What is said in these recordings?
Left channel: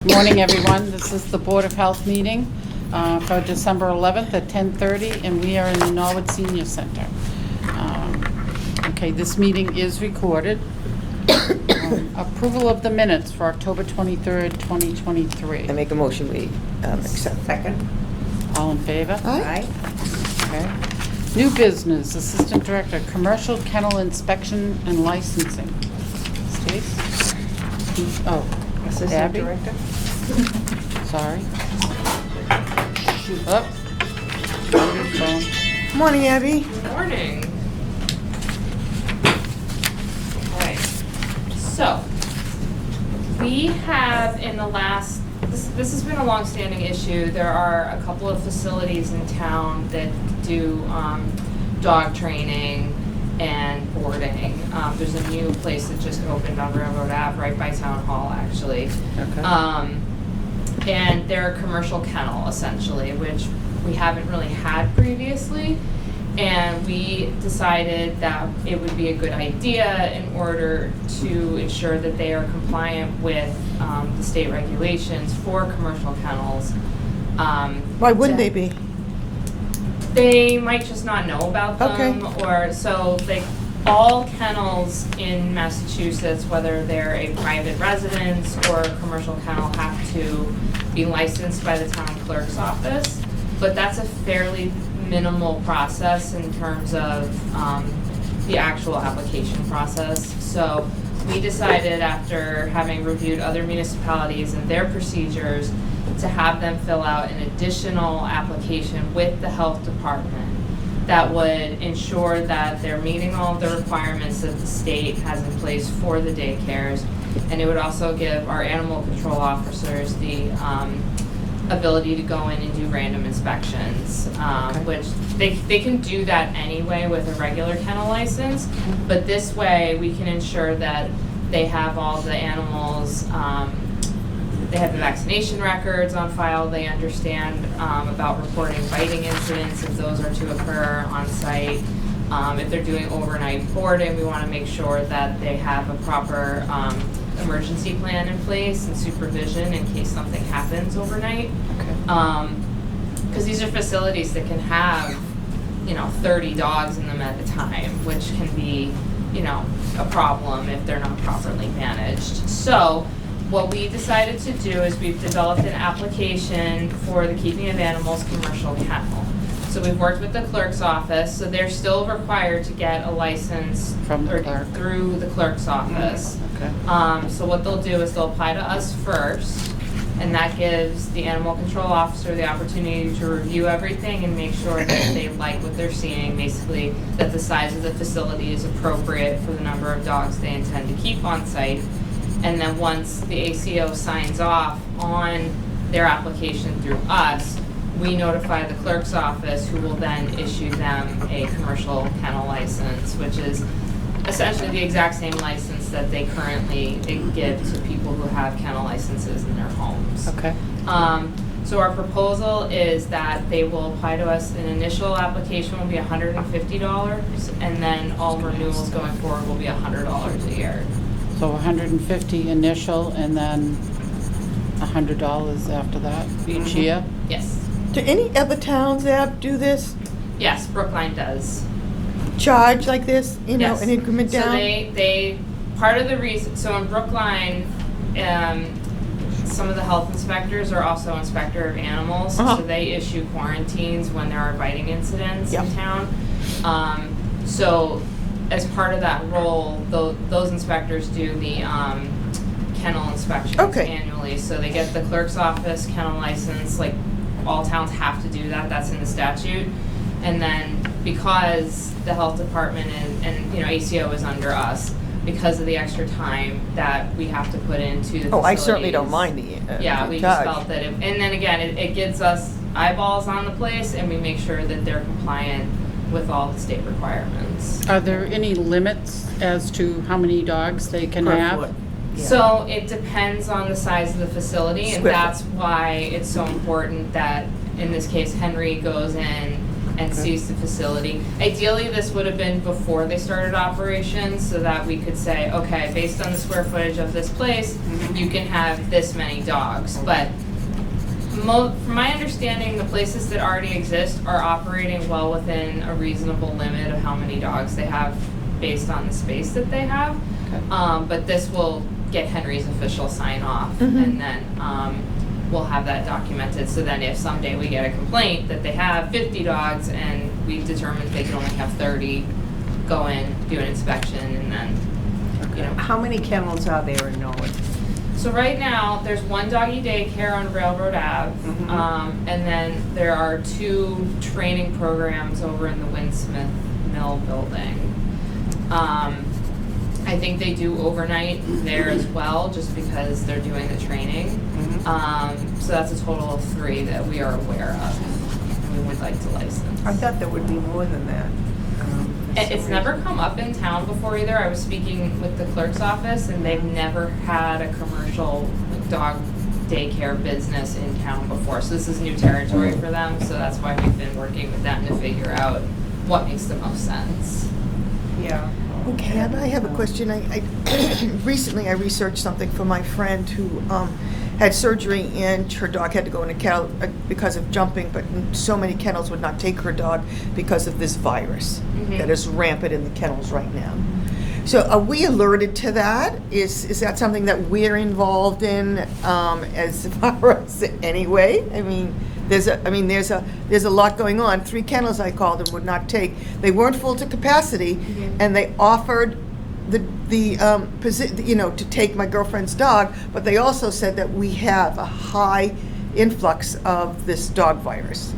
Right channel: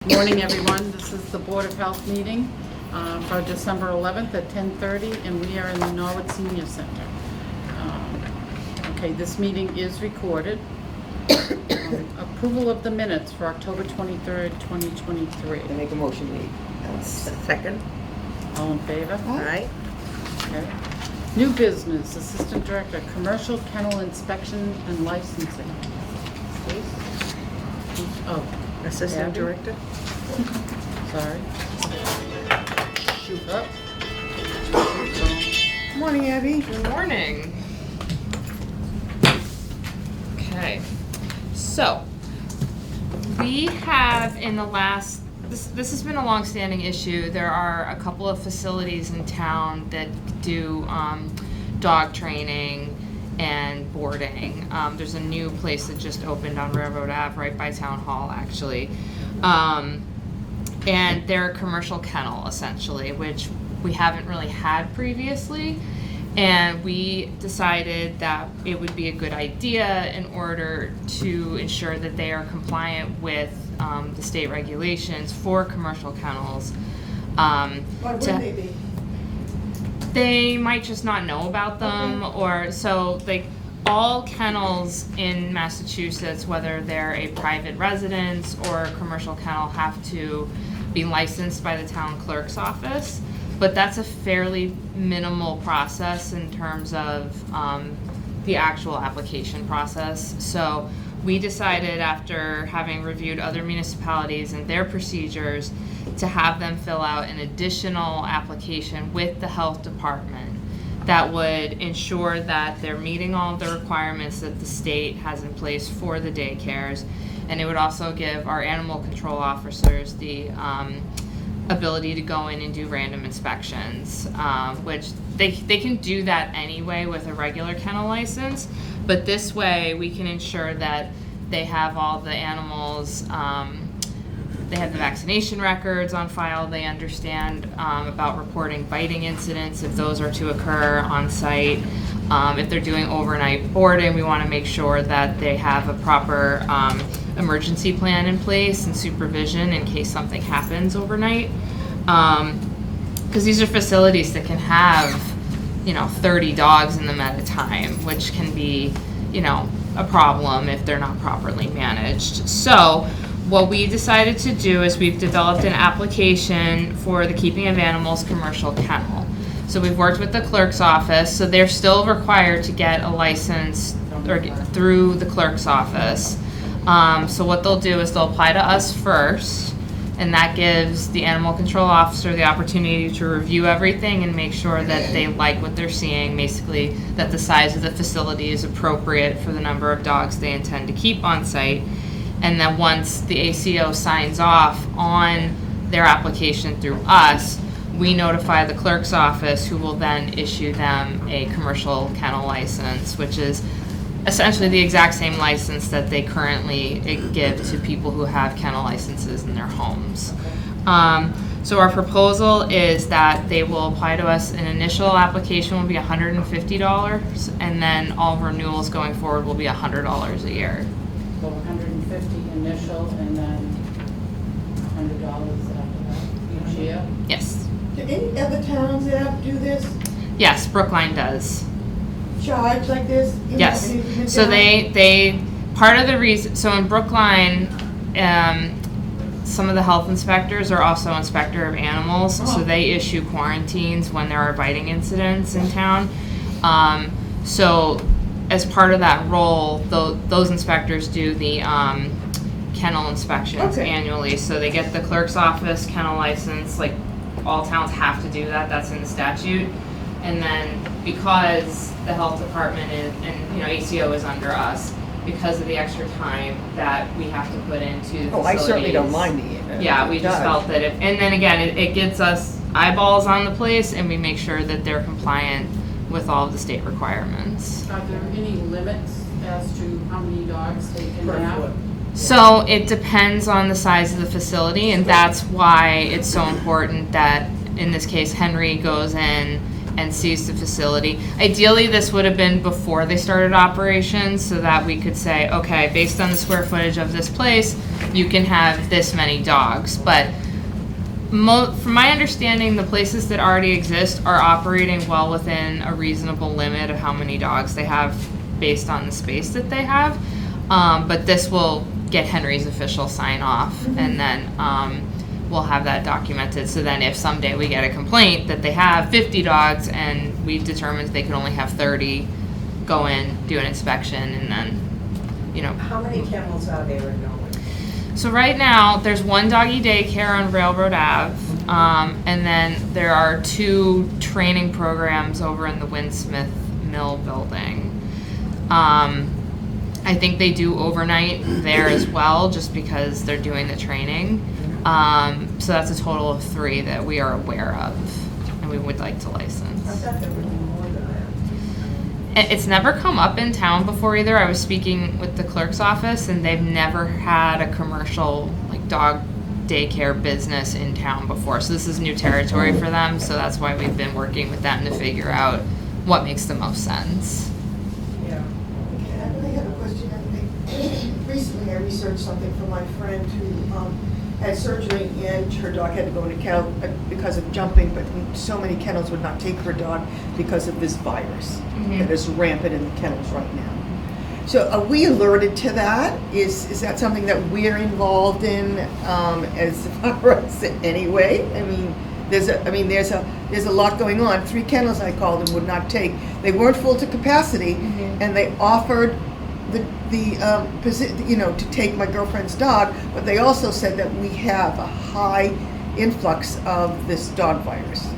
Good morning, everyone. This is the Board of Health meeting for December 11th at 10:30, and we are in the Norwood Senior Center. Okay, this meeting is recorded. Approval of the minutes for October 23rd, 2023. I make a motion we accept. Second. All in favor? Aye. Okay. New business, Assistant Director, Commercial Kennel Inspection and Licensing. Stace? Oh, Assistant Abby? Director. Sorry. Up. So, Morning, Abby. Morning. Okay, so we have in the last, this has been a long-standing issue. There are a couple of facilities in town that do dog training and boarding. There's a new place that just opened on Railroad Ave, right by Town Hall, actually. okay. And they're a commercial kennel, essentially, which we haven't really had previously. And we decided that it would be a good idea in order to ensure that they are compliant with the state regulations for commercial kennels. Why wouldn't they be? They might just not know about them, Okay. or so like all kennels in Massachusetts, whether they're a private residence or a commercial kennel, have to be licensed by the town clerk's office. But that's a fairly minimal process in terms of the actual application process. So we decided, after having reviewed other municipalities and their procedures, to have them fill out an additional application with the health department that would ensure that they're meeting all of the requirements that the state has in place for the daycares. And it would also give our animal control officers the ability to go in and do random inspections, which they can do that anyway with a regular kennel license, but this way we can ensure that they have all the animals, they have the vaccination records on file, they understand about reporting biting incidents if those are to occur on site. If they're doing overnight boarding, we want to make sure that they have a proper emergency plan in place and supervision in case something happens overnight. Because these are facilities that can have, 30 dogs in them at a time, which can be, a problem if they're not properly managed. So what we decided to do is we've developed an application for the Keeping of Animals commercial kennel. So we've worked with the clerk's office, so they're still required to get a license From the clerk. through the clerk's office. Okay. So what they'll do is they'll apply to us first, and that gives the animal control officer the opportunity to review everything and make sure that they like what they're seeing, basically that the size of the facility is appropriate for the number of dogs they intend to keep on site. And then once the ACO signs off on their application through us, we notify the clerk's office, who will then issue them a commercial kennel license, which is essentially the exact same license that they currently give to people who have kennel licenses in their homes. Okay. So our proposal is that they will apply to us. An initial application will be $150, and then all renewals going forward will be $100 a year. So $150 initial, and then $100 after that each year? Yes. Do any other towns that do this? Yes, Brookline does. Charge like this? Yes. And increment So down? they part of the reason, so in Brookline, some of the health inspectors are also inspector of animals, Uh-huh. so they issue quarantines when there are biting incidents in Yep. town. So as part of that role, those inspectors do the kennel inspections Okay. annually. So they get the clerk's office kennel license, like all towns have to do that, that's in the statute. And then because the health department and ACO is under us, because of the extra time that we have to put into the facilities. Oh, I certainly don't mind the Yeah, we just charge. felt that and then again, it gets us eyeballs on the place, and we make sure that they're compliant with all of the state requirements. Are there any limits as to how many dogs they can Per have? foot. So it depends on the size of the facility, and Square. that's why it's so important that, in this case, Henry goes in and sees the facility. Ideally, this would have been before they started operations, so that we could say, okay, based on the square footage of this place, you can have this many dogs. But from my understanding, the places that already exist are operating well within a reasonable limit of how many dogs they have based on the space that they have. But this will get Henry's official sign off, and then we'll have that documented. So then if someday we get a complaint that they have 50 dogs and we determine they can only have 30, go in, do an inspection, and then, you know. How many kennels are there in Norwood? So right now, there's one doggy daycare on Railroad Ave, and then there are 2 training programs over in the Winsmith Mill building. I think they do overnight there as well, just because they're doing the training. So that's a total of 3 that we are aware of, and we would like to license. I thought there would be more than that. It's never come up in town before either. I was speaking with the clerk's office, and they've never had a commercial like dog daycare business in town before. So this is new territory for them. So that's why we've been working with them to figure out what makes the most sense. Yeah. Okay, and I have a question. I recently I researched something for my friend who had surgery and her dog had to go in a kennel because of jumping, but so many kennels would not take her dog because of this virus that is rampant in the kennels right now. So are we alerted to that? Is that something that we're involved in as far as anyway? I mean, there's a lot going on. 3 kennels I called and would not take. They weren't full to capacity, and they offered to take my girlfriend's dog, but they also said that we have a high influx of this dog virus.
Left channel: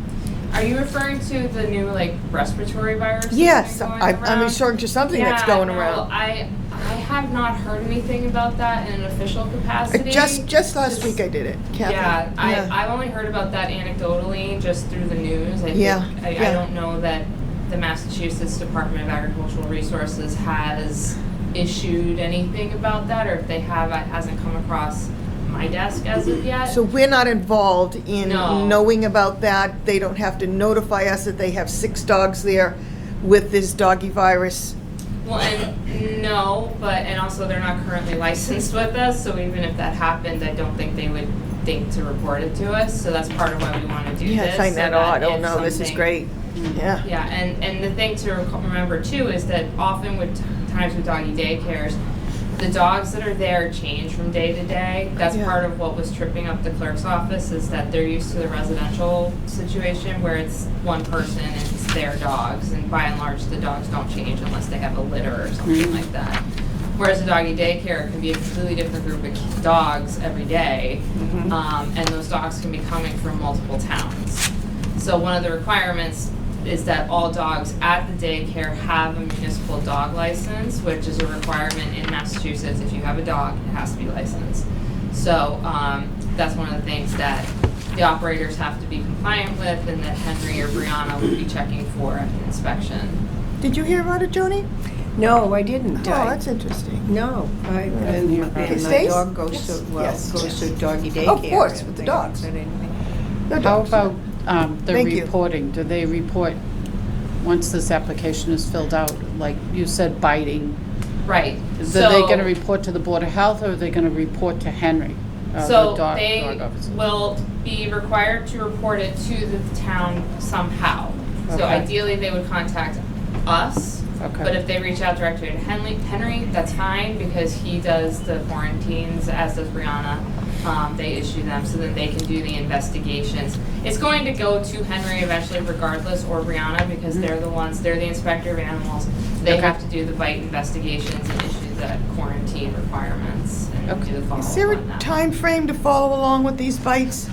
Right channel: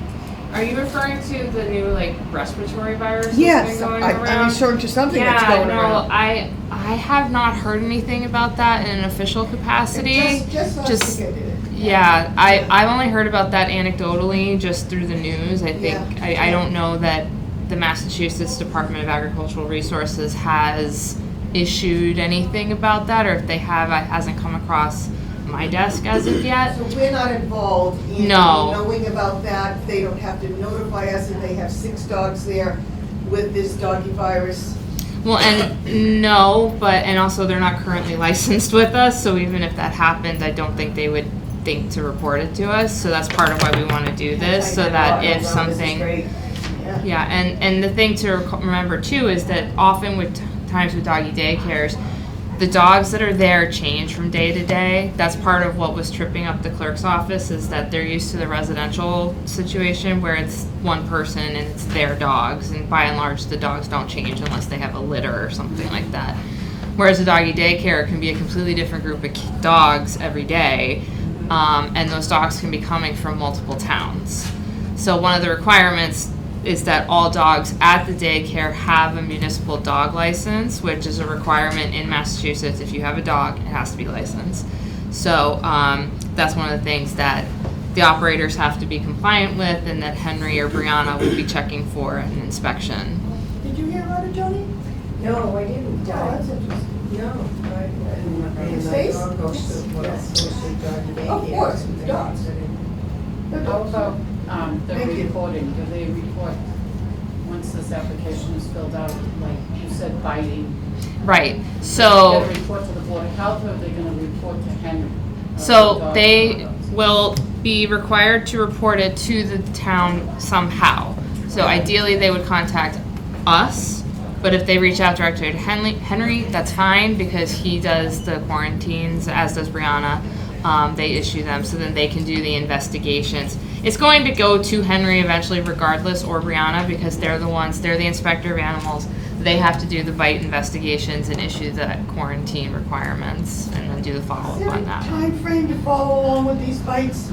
Are you referring to the new like respiratory virus? Yes, that's been going I'm around? referring to something that's going around. I have not heard anything about that in an official capacity. Just last week I did it. Yeah, I've only heard about that anecdotally, just through the news. I think I don't know that the Massachusetts Department of Agricultural Resources has issued anything about that, or if they have, it hasn't come across my desk as of yet. So we're not involved in No. knowing about that. They don't have to notify us that they have 6 dogs there with this doggy virus. Well, and no, and also they're not currently licensed with us, so even if that happened, I don't think they would think to report it to us. So that's part of why we want to do this, so that I don't if know. something. This is great. Yeah. Yeah, and the thing to remember too is that often with times with doggy daycares, the dogs that are there change from day to day. That's part of what was tripping up the clerk's office, is that they're used to the residential situation where it's one person and it's their dogs, and by and large the dogs don't change unless they have a litter or something like that. Whereas a doggy daycare can be a completely different group of dogs every day, and those dogs can be coming from multiple towns. So one of the requirements is that all dogs at the daycare have a municipal dog license, which is a requirement in Massachusetts. If you have a dog, it has to be licensed. So that's one of the things that the operators have to be compliant with, and that Henry or Brianna will be checking for an inspection. Did you hear about it, Joni? No, I didn't. Oh, that's interesting. No, and my Stays? dog goes Yes. to, Yes. goes to doggy daycare. Of course, and things dogs. like that, anything. No How dogs. about the Thank you. reporting? Do they report, once this application is filled out, like you said, biting? Right. Are they So gonna report to the Board of Health, or are they gonna report to Henry? the So dog they officer? will be required to report it to the town somehow. So Okay. ideally, they would contact us, Okay. but if they reach out directly to Henry, that's fine, because he does the quarantines, as does Brianna. They issue them, so then they can do the investigations. It's going to go to Henry eventually regardless, or Brianna, because they're the inspector of animals. They have to do the bite investigations and issue the quarantine requirements and do the Is follow-up there on a that. time frame to follow along with these bites?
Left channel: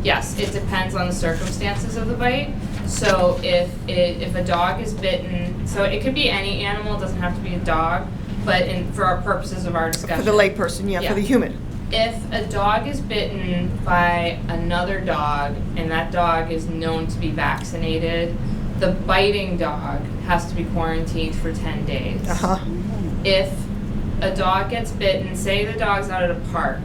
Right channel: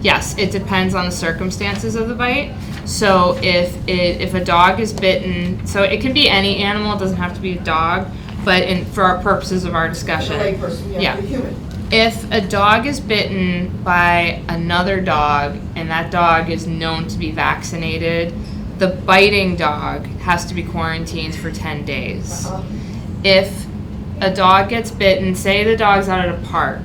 Yes, it depends on the circumstances of the bite. So if a dog is bitten, so it can be any animal, it doesn't have to be a dog, but for our purposes of our For discussion. the layperson, Yeah. for the human. If a dog is bitten by another dog and that dog is known to be vaccinated, The biting dog has to be quarantined for 10 days. Uh-huh. If a dog gets bitten, say the dog's out at a park,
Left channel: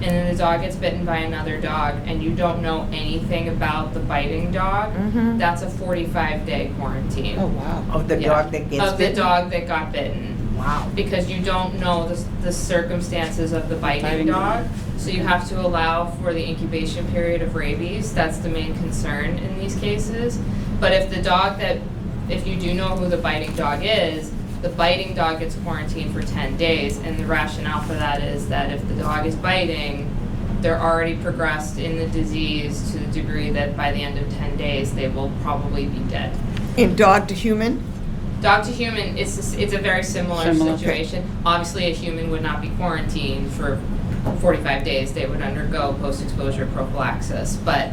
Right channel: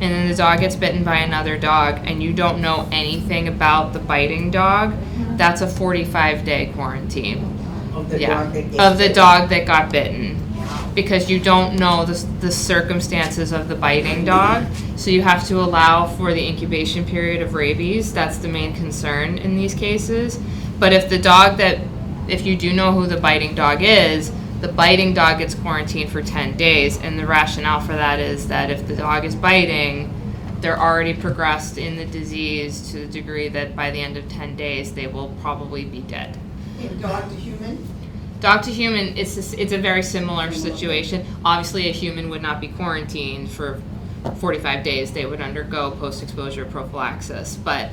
and then the dog gets bitten by another dog, and you don't know anything about the biting dog, that's a 45-day quarantine. Oh, wow. Of the Yeah. dog that gets Of the bitten? dog that got bitten. Wow. Because you don't know the circumstances of the biting dog, so you have to allow for the incubation period of rabies. That's the main concern in these cases. But if you do know who the biting dog is, the biting dog gets quarantined for 10 days, and the rationale for that is that if the dog is biting, they're already progressed in the disease to the degree that by the end of 10 days, they will probably be dead. In dog to human? Dog to human, it's a very similar Similar. situation. Obviously, a human would not be quarantined for 45 days. They would undergo post-exposure prophylaxis. But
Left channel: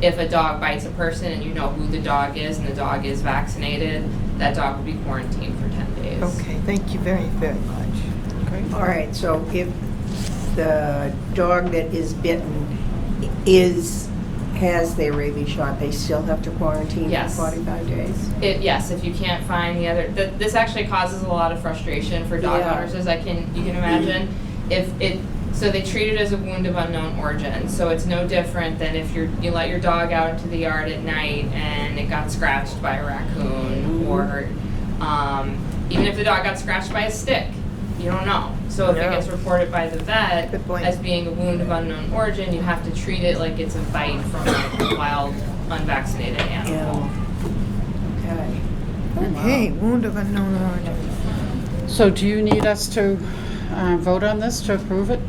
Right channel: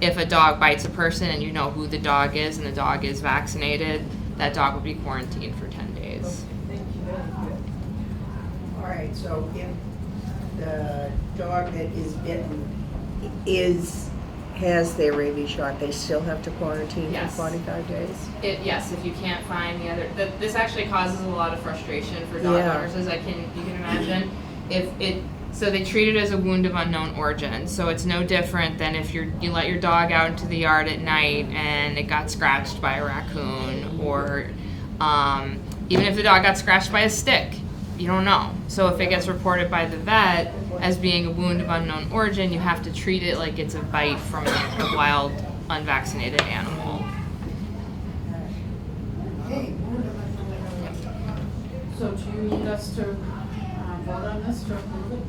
if a dog bites a person and you know who the dog is and the dog is vaccinated, that dog would be quarantined for 10 days. Okay, thank you very, very much. Great. All right, so if the dog that is bitten has their rabies shot, they still have to quarantine Yes. for 45 days? Yes, if you can't find the other, this actually causes a lot of frustration for dog Yeah. owners, as you can imagine. So they treat it as a wound of unknown origin. So it's no different than if you let your dog out into the yard at night and it got scratched by a raccoon, or even if the dog got scratched by a stick, you don't know. So if Yeah. it gets reported by the vet Good point. as being a wound of unknown origin, you have to treat it like it's a bite from a wild, unvaccinated animal. Okay. Okay, wound of unknown origin. So do you need us to vote on this to approve it?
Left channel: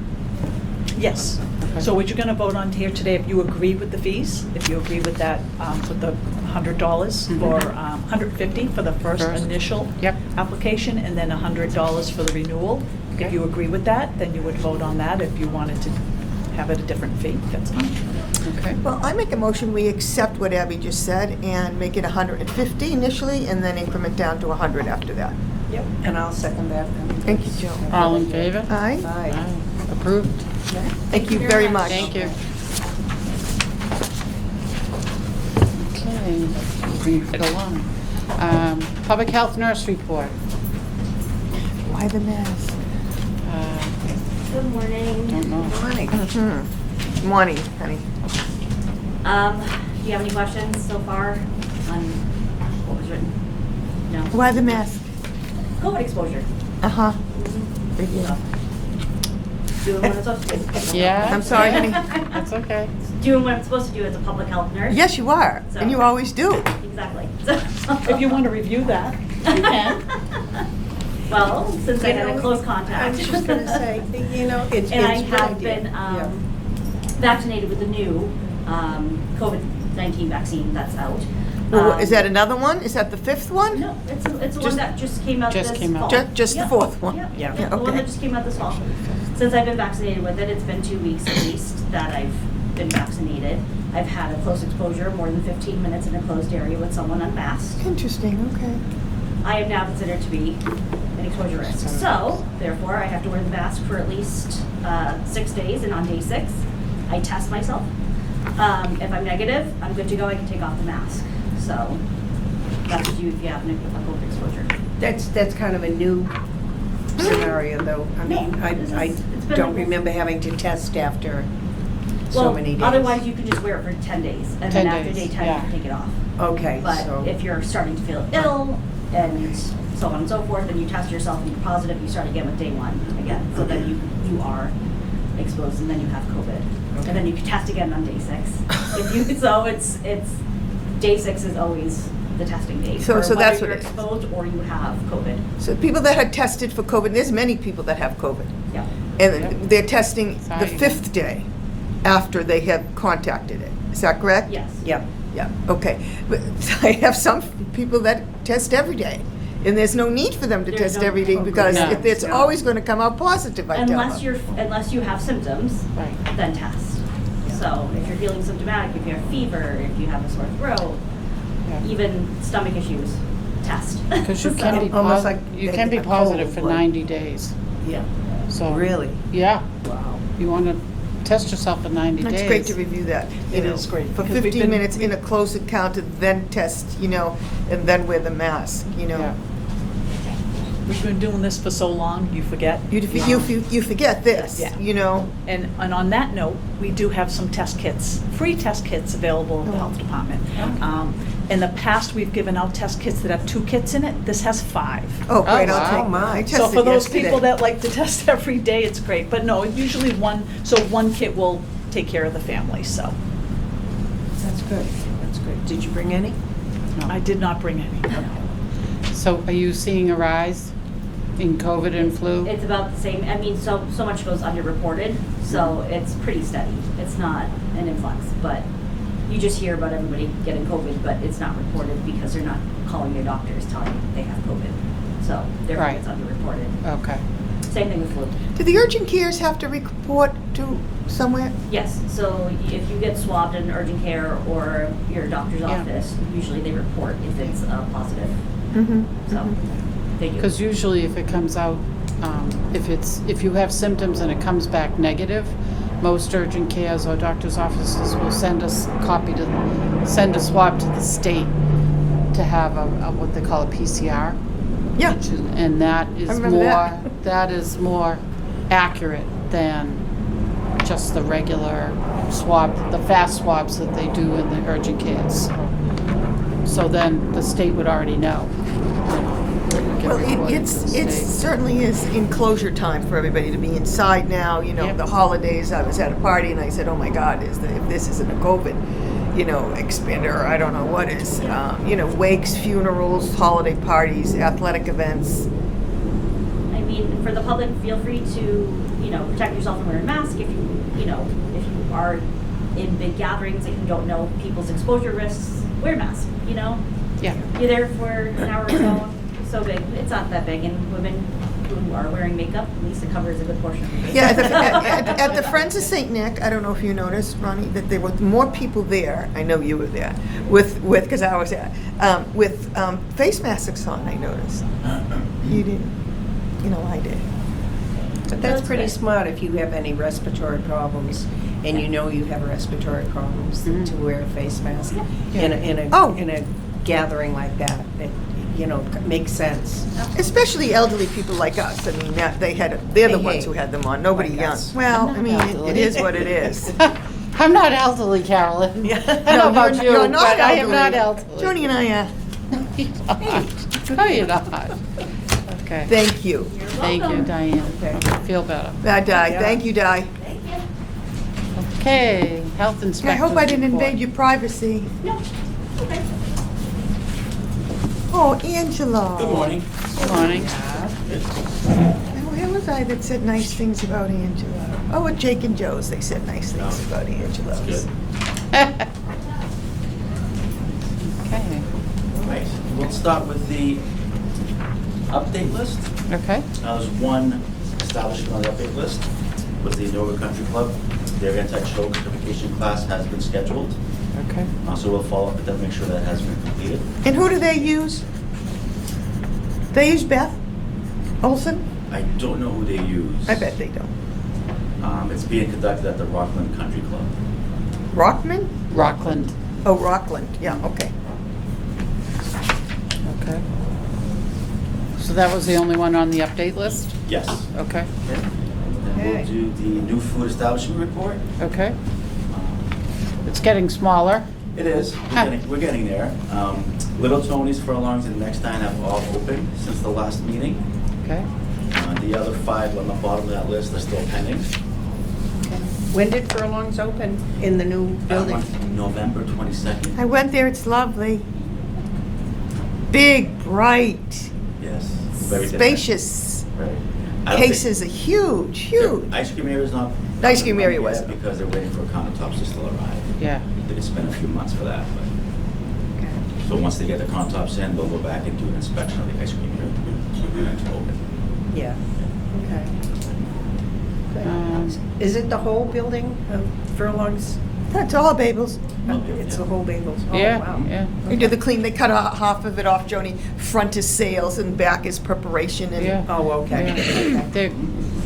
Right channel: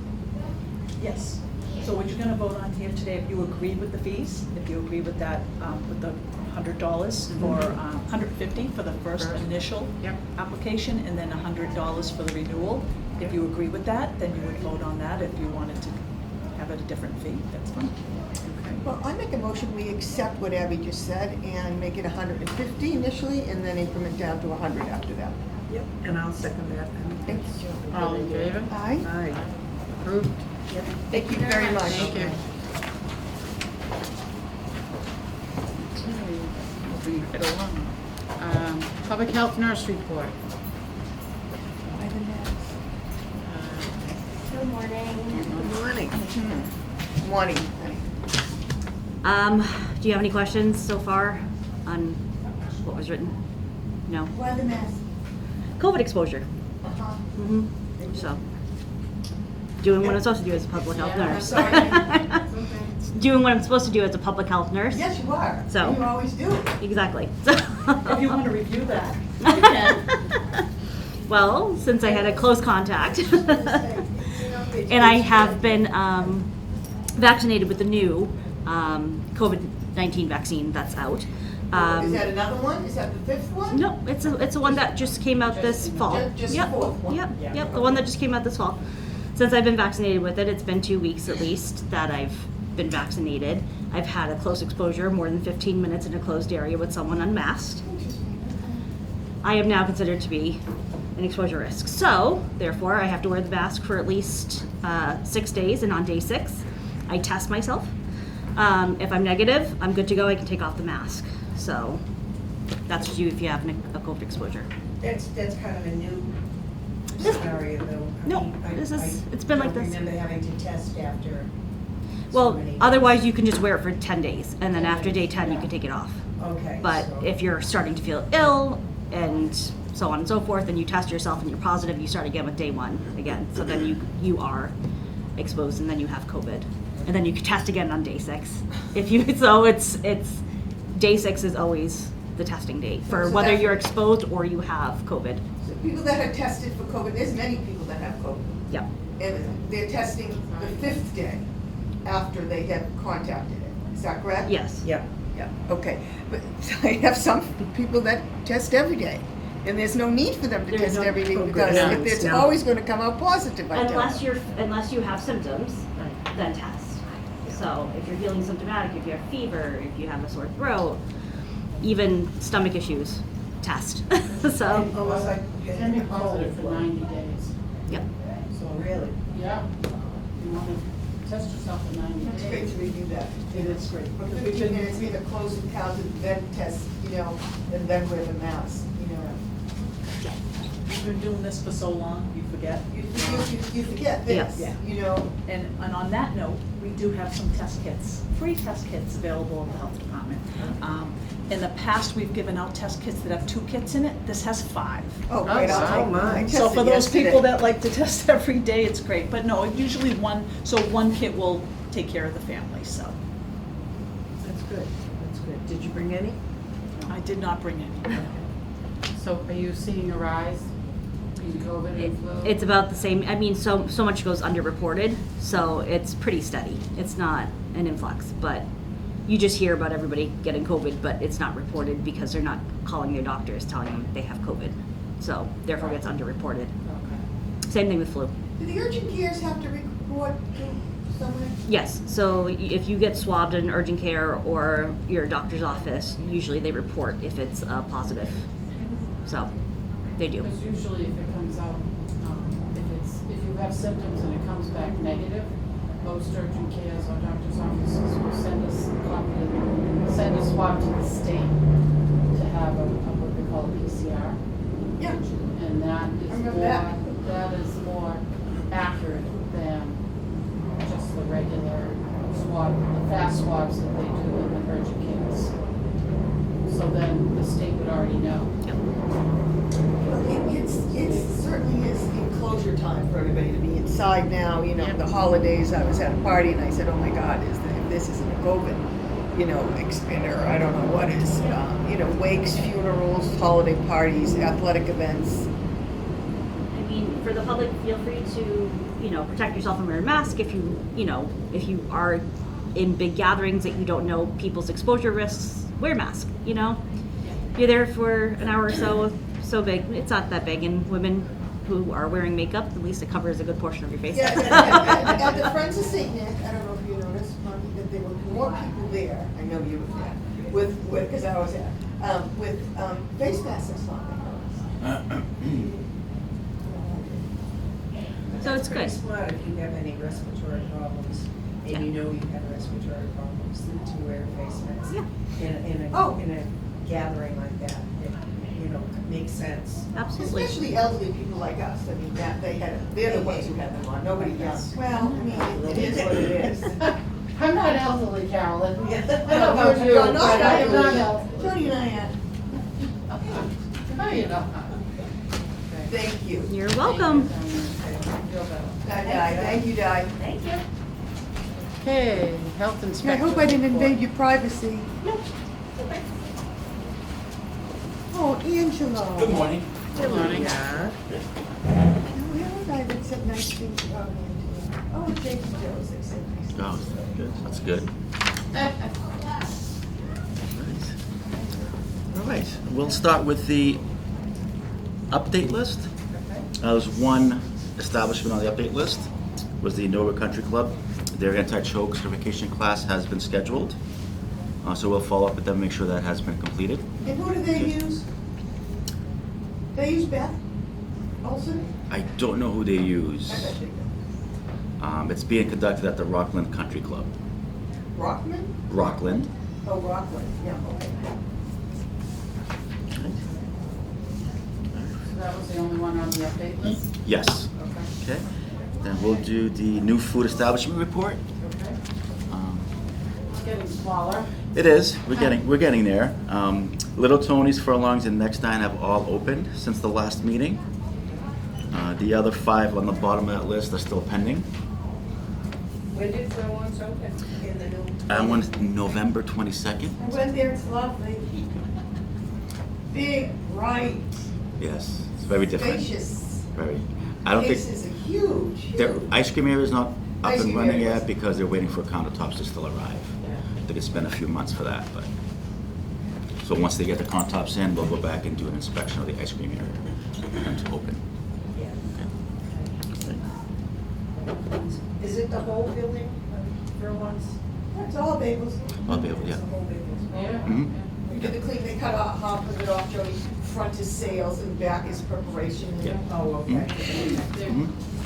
Yes. So what you're gonna vote on here today, if you agree with the fees, if you agree with that, with the $100 for, $150 for the first First. initial Yep. application, and then $100 for the renewal. If Okay. you agree with that, then you would vote on that. If you wanted to have it a different fee, that's fine. Okay. Well, I make a motion, we accept what Abby just said and make it 150 initially and then increment down to 100 after that. Yep, and I'll second that. Thank you, Joe. All in favor? Aye. Aye. Approved? Thank you very much. Thank you. Okay, moving right along. Public health nurse report. Why the mask? Good morning. Don't know. Morning. Morning, honey. Do you have any questions so far on what was written? No. Why the mask? COVID exposure. Uh-huh. So, doing what I'm supposed to do as a public health Yeah. nurse. I'm sorry, honey. That's okay. Doing what I'm supposed to do as a public health nurse. Yes, you are, So- and you always do. Exactly. If you want to review that, you can. Well, since I had a close contact. I was just gonna say, you know, it's. And I it's have good. been vaccinated with the new COVID-19 vaccine that's out. Well, is that another one? Is that the fifth one? No, it's the one that just came out Just this came out. fall. Just the Yep. fourth one? Yep, Yeah. yep, the one Okay. that just came out this fall. Since I've been vaccinated with it, it's been 2 weeks at least that I've been vaccinated. I've had a close exposure, more than 15 minutes in a closed area with someone unmasked. Interesting, okay. I am now considered to be an exposure risk. So, therefore, I have to wear the mask for at least 6 days, and on day 6, I test myself. If I'm negative, I'm good to go, I can take off the mask. So, that's what you if you have a COVID exposure. That's kind of a new scenario, though. I No, mean, this is- I it's been don't like this. remember having to test after so Well, many days. otherwise you can just wear it for 10 days, and 10 then after days, day 10, yeah. you can take it off. Okay, But so. if you're starting to feel ill, and so on and so forth, then you test yourself and you're positive, you start again with day 1 again. So then you are exposed, and then you have COVID. And then you can test again on day 6. So it's day 6 is always the testing day, So- for so whether that's you're what it is. exposed or you have COVID. So people that had tested for COVID, there's many people that have COVID. Yep. And they're testing the Sorry. 5th day after they have contacted it. Is that correct? Yes. Yep. Yeah, okay. But I have some people that test every day. And there's no need for them to There's test no- every day Oh, because no. it's No. always going to come out positive, I tell Unless them. unless you have symptoms, Right. then test. So if you're feeling symptomatic, if you have fever, if you have a sore throat, Yeah. even stomach issues, test. Because you So- can be Almost like you they can be get a positive cold, for like- 90 days. Yeah. So Really? yeah, Wow. you want to test yourself in 90 days. That's great to review that. you It know, is great, For because we've 15 been- minutes in a close encounter, then test, and then wear the mask, Yeah. We've been doing this for so long, you forget. You forget this, Yeah. And on that note, we do have some test kits, free test kits available at the health department. In the past, we've given out test kits that have 2 kits in it. This has 5. Oh, great, wow. I'll take Oh, my. I So tested for those yesterday. people that like to test every day, it's great. But no, usually one kit will take care of the family, so. That's good, that's good. Did you bring any? I did not bring any. So are you seeing a rise in COVID and flu? It's about the same, I mean, so much goes underreported, so it's pretty steady. It's not an influx, but you just hear about everybody getting COVID, but it's not reported because they're not calling your doctors telling you they have COVID. So therefore Right. it's underreported. Okay. Same thing with flu. Do the urgent cares have to report to somewhere? Yes, so if you get swabbed in urgent care or your doctor's Yeah. office, usually they report if it's positive. Mm-hmm. So they do. Because usually if it comes out, if you have symptoms and it comes back negative, most urgent cares or doctor's offices will send a swab to the state to have what they call a PCR. Yeah. And that is I remember more, that is more accurate than just the regular swab, the fast swabs that they do in the urgent cares. So then the state would already know. Well, Get reported to it the state. certainly is enclosure time for everybody to be inside now, Yep. the holidays, I was at a party and I said, oh my God, if this isn't a COVID, expander, I don't know what is, wakes, funerals, holiday parties, athletic events. I mean, for the public, feel free to, protect yourself and wear a mask if if you are in big gatherings that you don't know people's exposure risks, wear a mask, Yeah. You're there for an hour or so big, it's not that big, and women who are wearing makeup, at least it covers a good portion of your face. Yeah, at the Friends of St. Nick, I don't know if you noticed, Ronnie, that there were more people there, I know you were there, because I was there, with face masks on, I noticed. You didn't, I did. But That's that's pretty good. smart if you have any respiratory problems and you know you have respiratory problems Mhm. to wear a face mask Yeah. Oh. in a gathering like that. It, makes sense. Especially elderly people like us, I mean, they're the ones who had them on, nobody Like young. us. Well, I'm I not mean, elderly. it is what it is. I'm not elderly, Carolyn. Yeah. I don't know about you, you're but not I am not elderly. elderly. Joni and I, No, you're not. Okay. thank you. You're Thank you, welcome. Diane. Feel better. Di, thank you, Di. Thank you. Okay, health I inspector. hope I didn't report. invade your privacy. No, okay. Oh, Angela. Good morning. Good morning. Where was I that said nice things about Angela? Oh, at Jake and Joe's, they said nice things Oh, about Angela. That's good. Okay, All right, we'll start with the update list. okay, There was one establishment on the update list, was the Nova Country Club. Their anti-choke certification class has been scheduled. okay. So we'll follow up with them, make sure that has been completed. And who do they use? They use Beth Olson? I don't know who they use. I bet they don't. It's being conducted at the Rockland Country Club. Rockman? Rockland. Oh, Rockland, yeah, okay. Okay. So that was the only one on the update list? Yes. Okay, Okay. Then we'll do the new food establishment report. okay. It's getting smaller. It is. We're getting there. Little Tony's, Furlongs, and Next Dine have all opened since the last meeting. Okay. The other 5 on the bottom of that list are still pending. When did Furlongs open in the new That building? one's November 22nd. I went there, it's lovely. Big, bright, Yes. It's very different. spacious. Very. I don't think- Cases are huge, their huge. Ice cream area is not. The ice up and cream area running yet wasn't. because they're waiting for countertops to still arrive. Yeah, I think it's been a few months for that, but. So once they get the countertops in, they'll go back and do an inspection of the ice cream area and then to open. Yeah, okay. Um, Is it the whole building of Furlongs? That's all Babels. They'll be able to- It's the whole Bagels? Oh, yeah, wow. yeah. They do the clean, they cut half of it off, Joni. Front is sales and back is preparation and. Yeah. Oh, okay. Yeah. They're-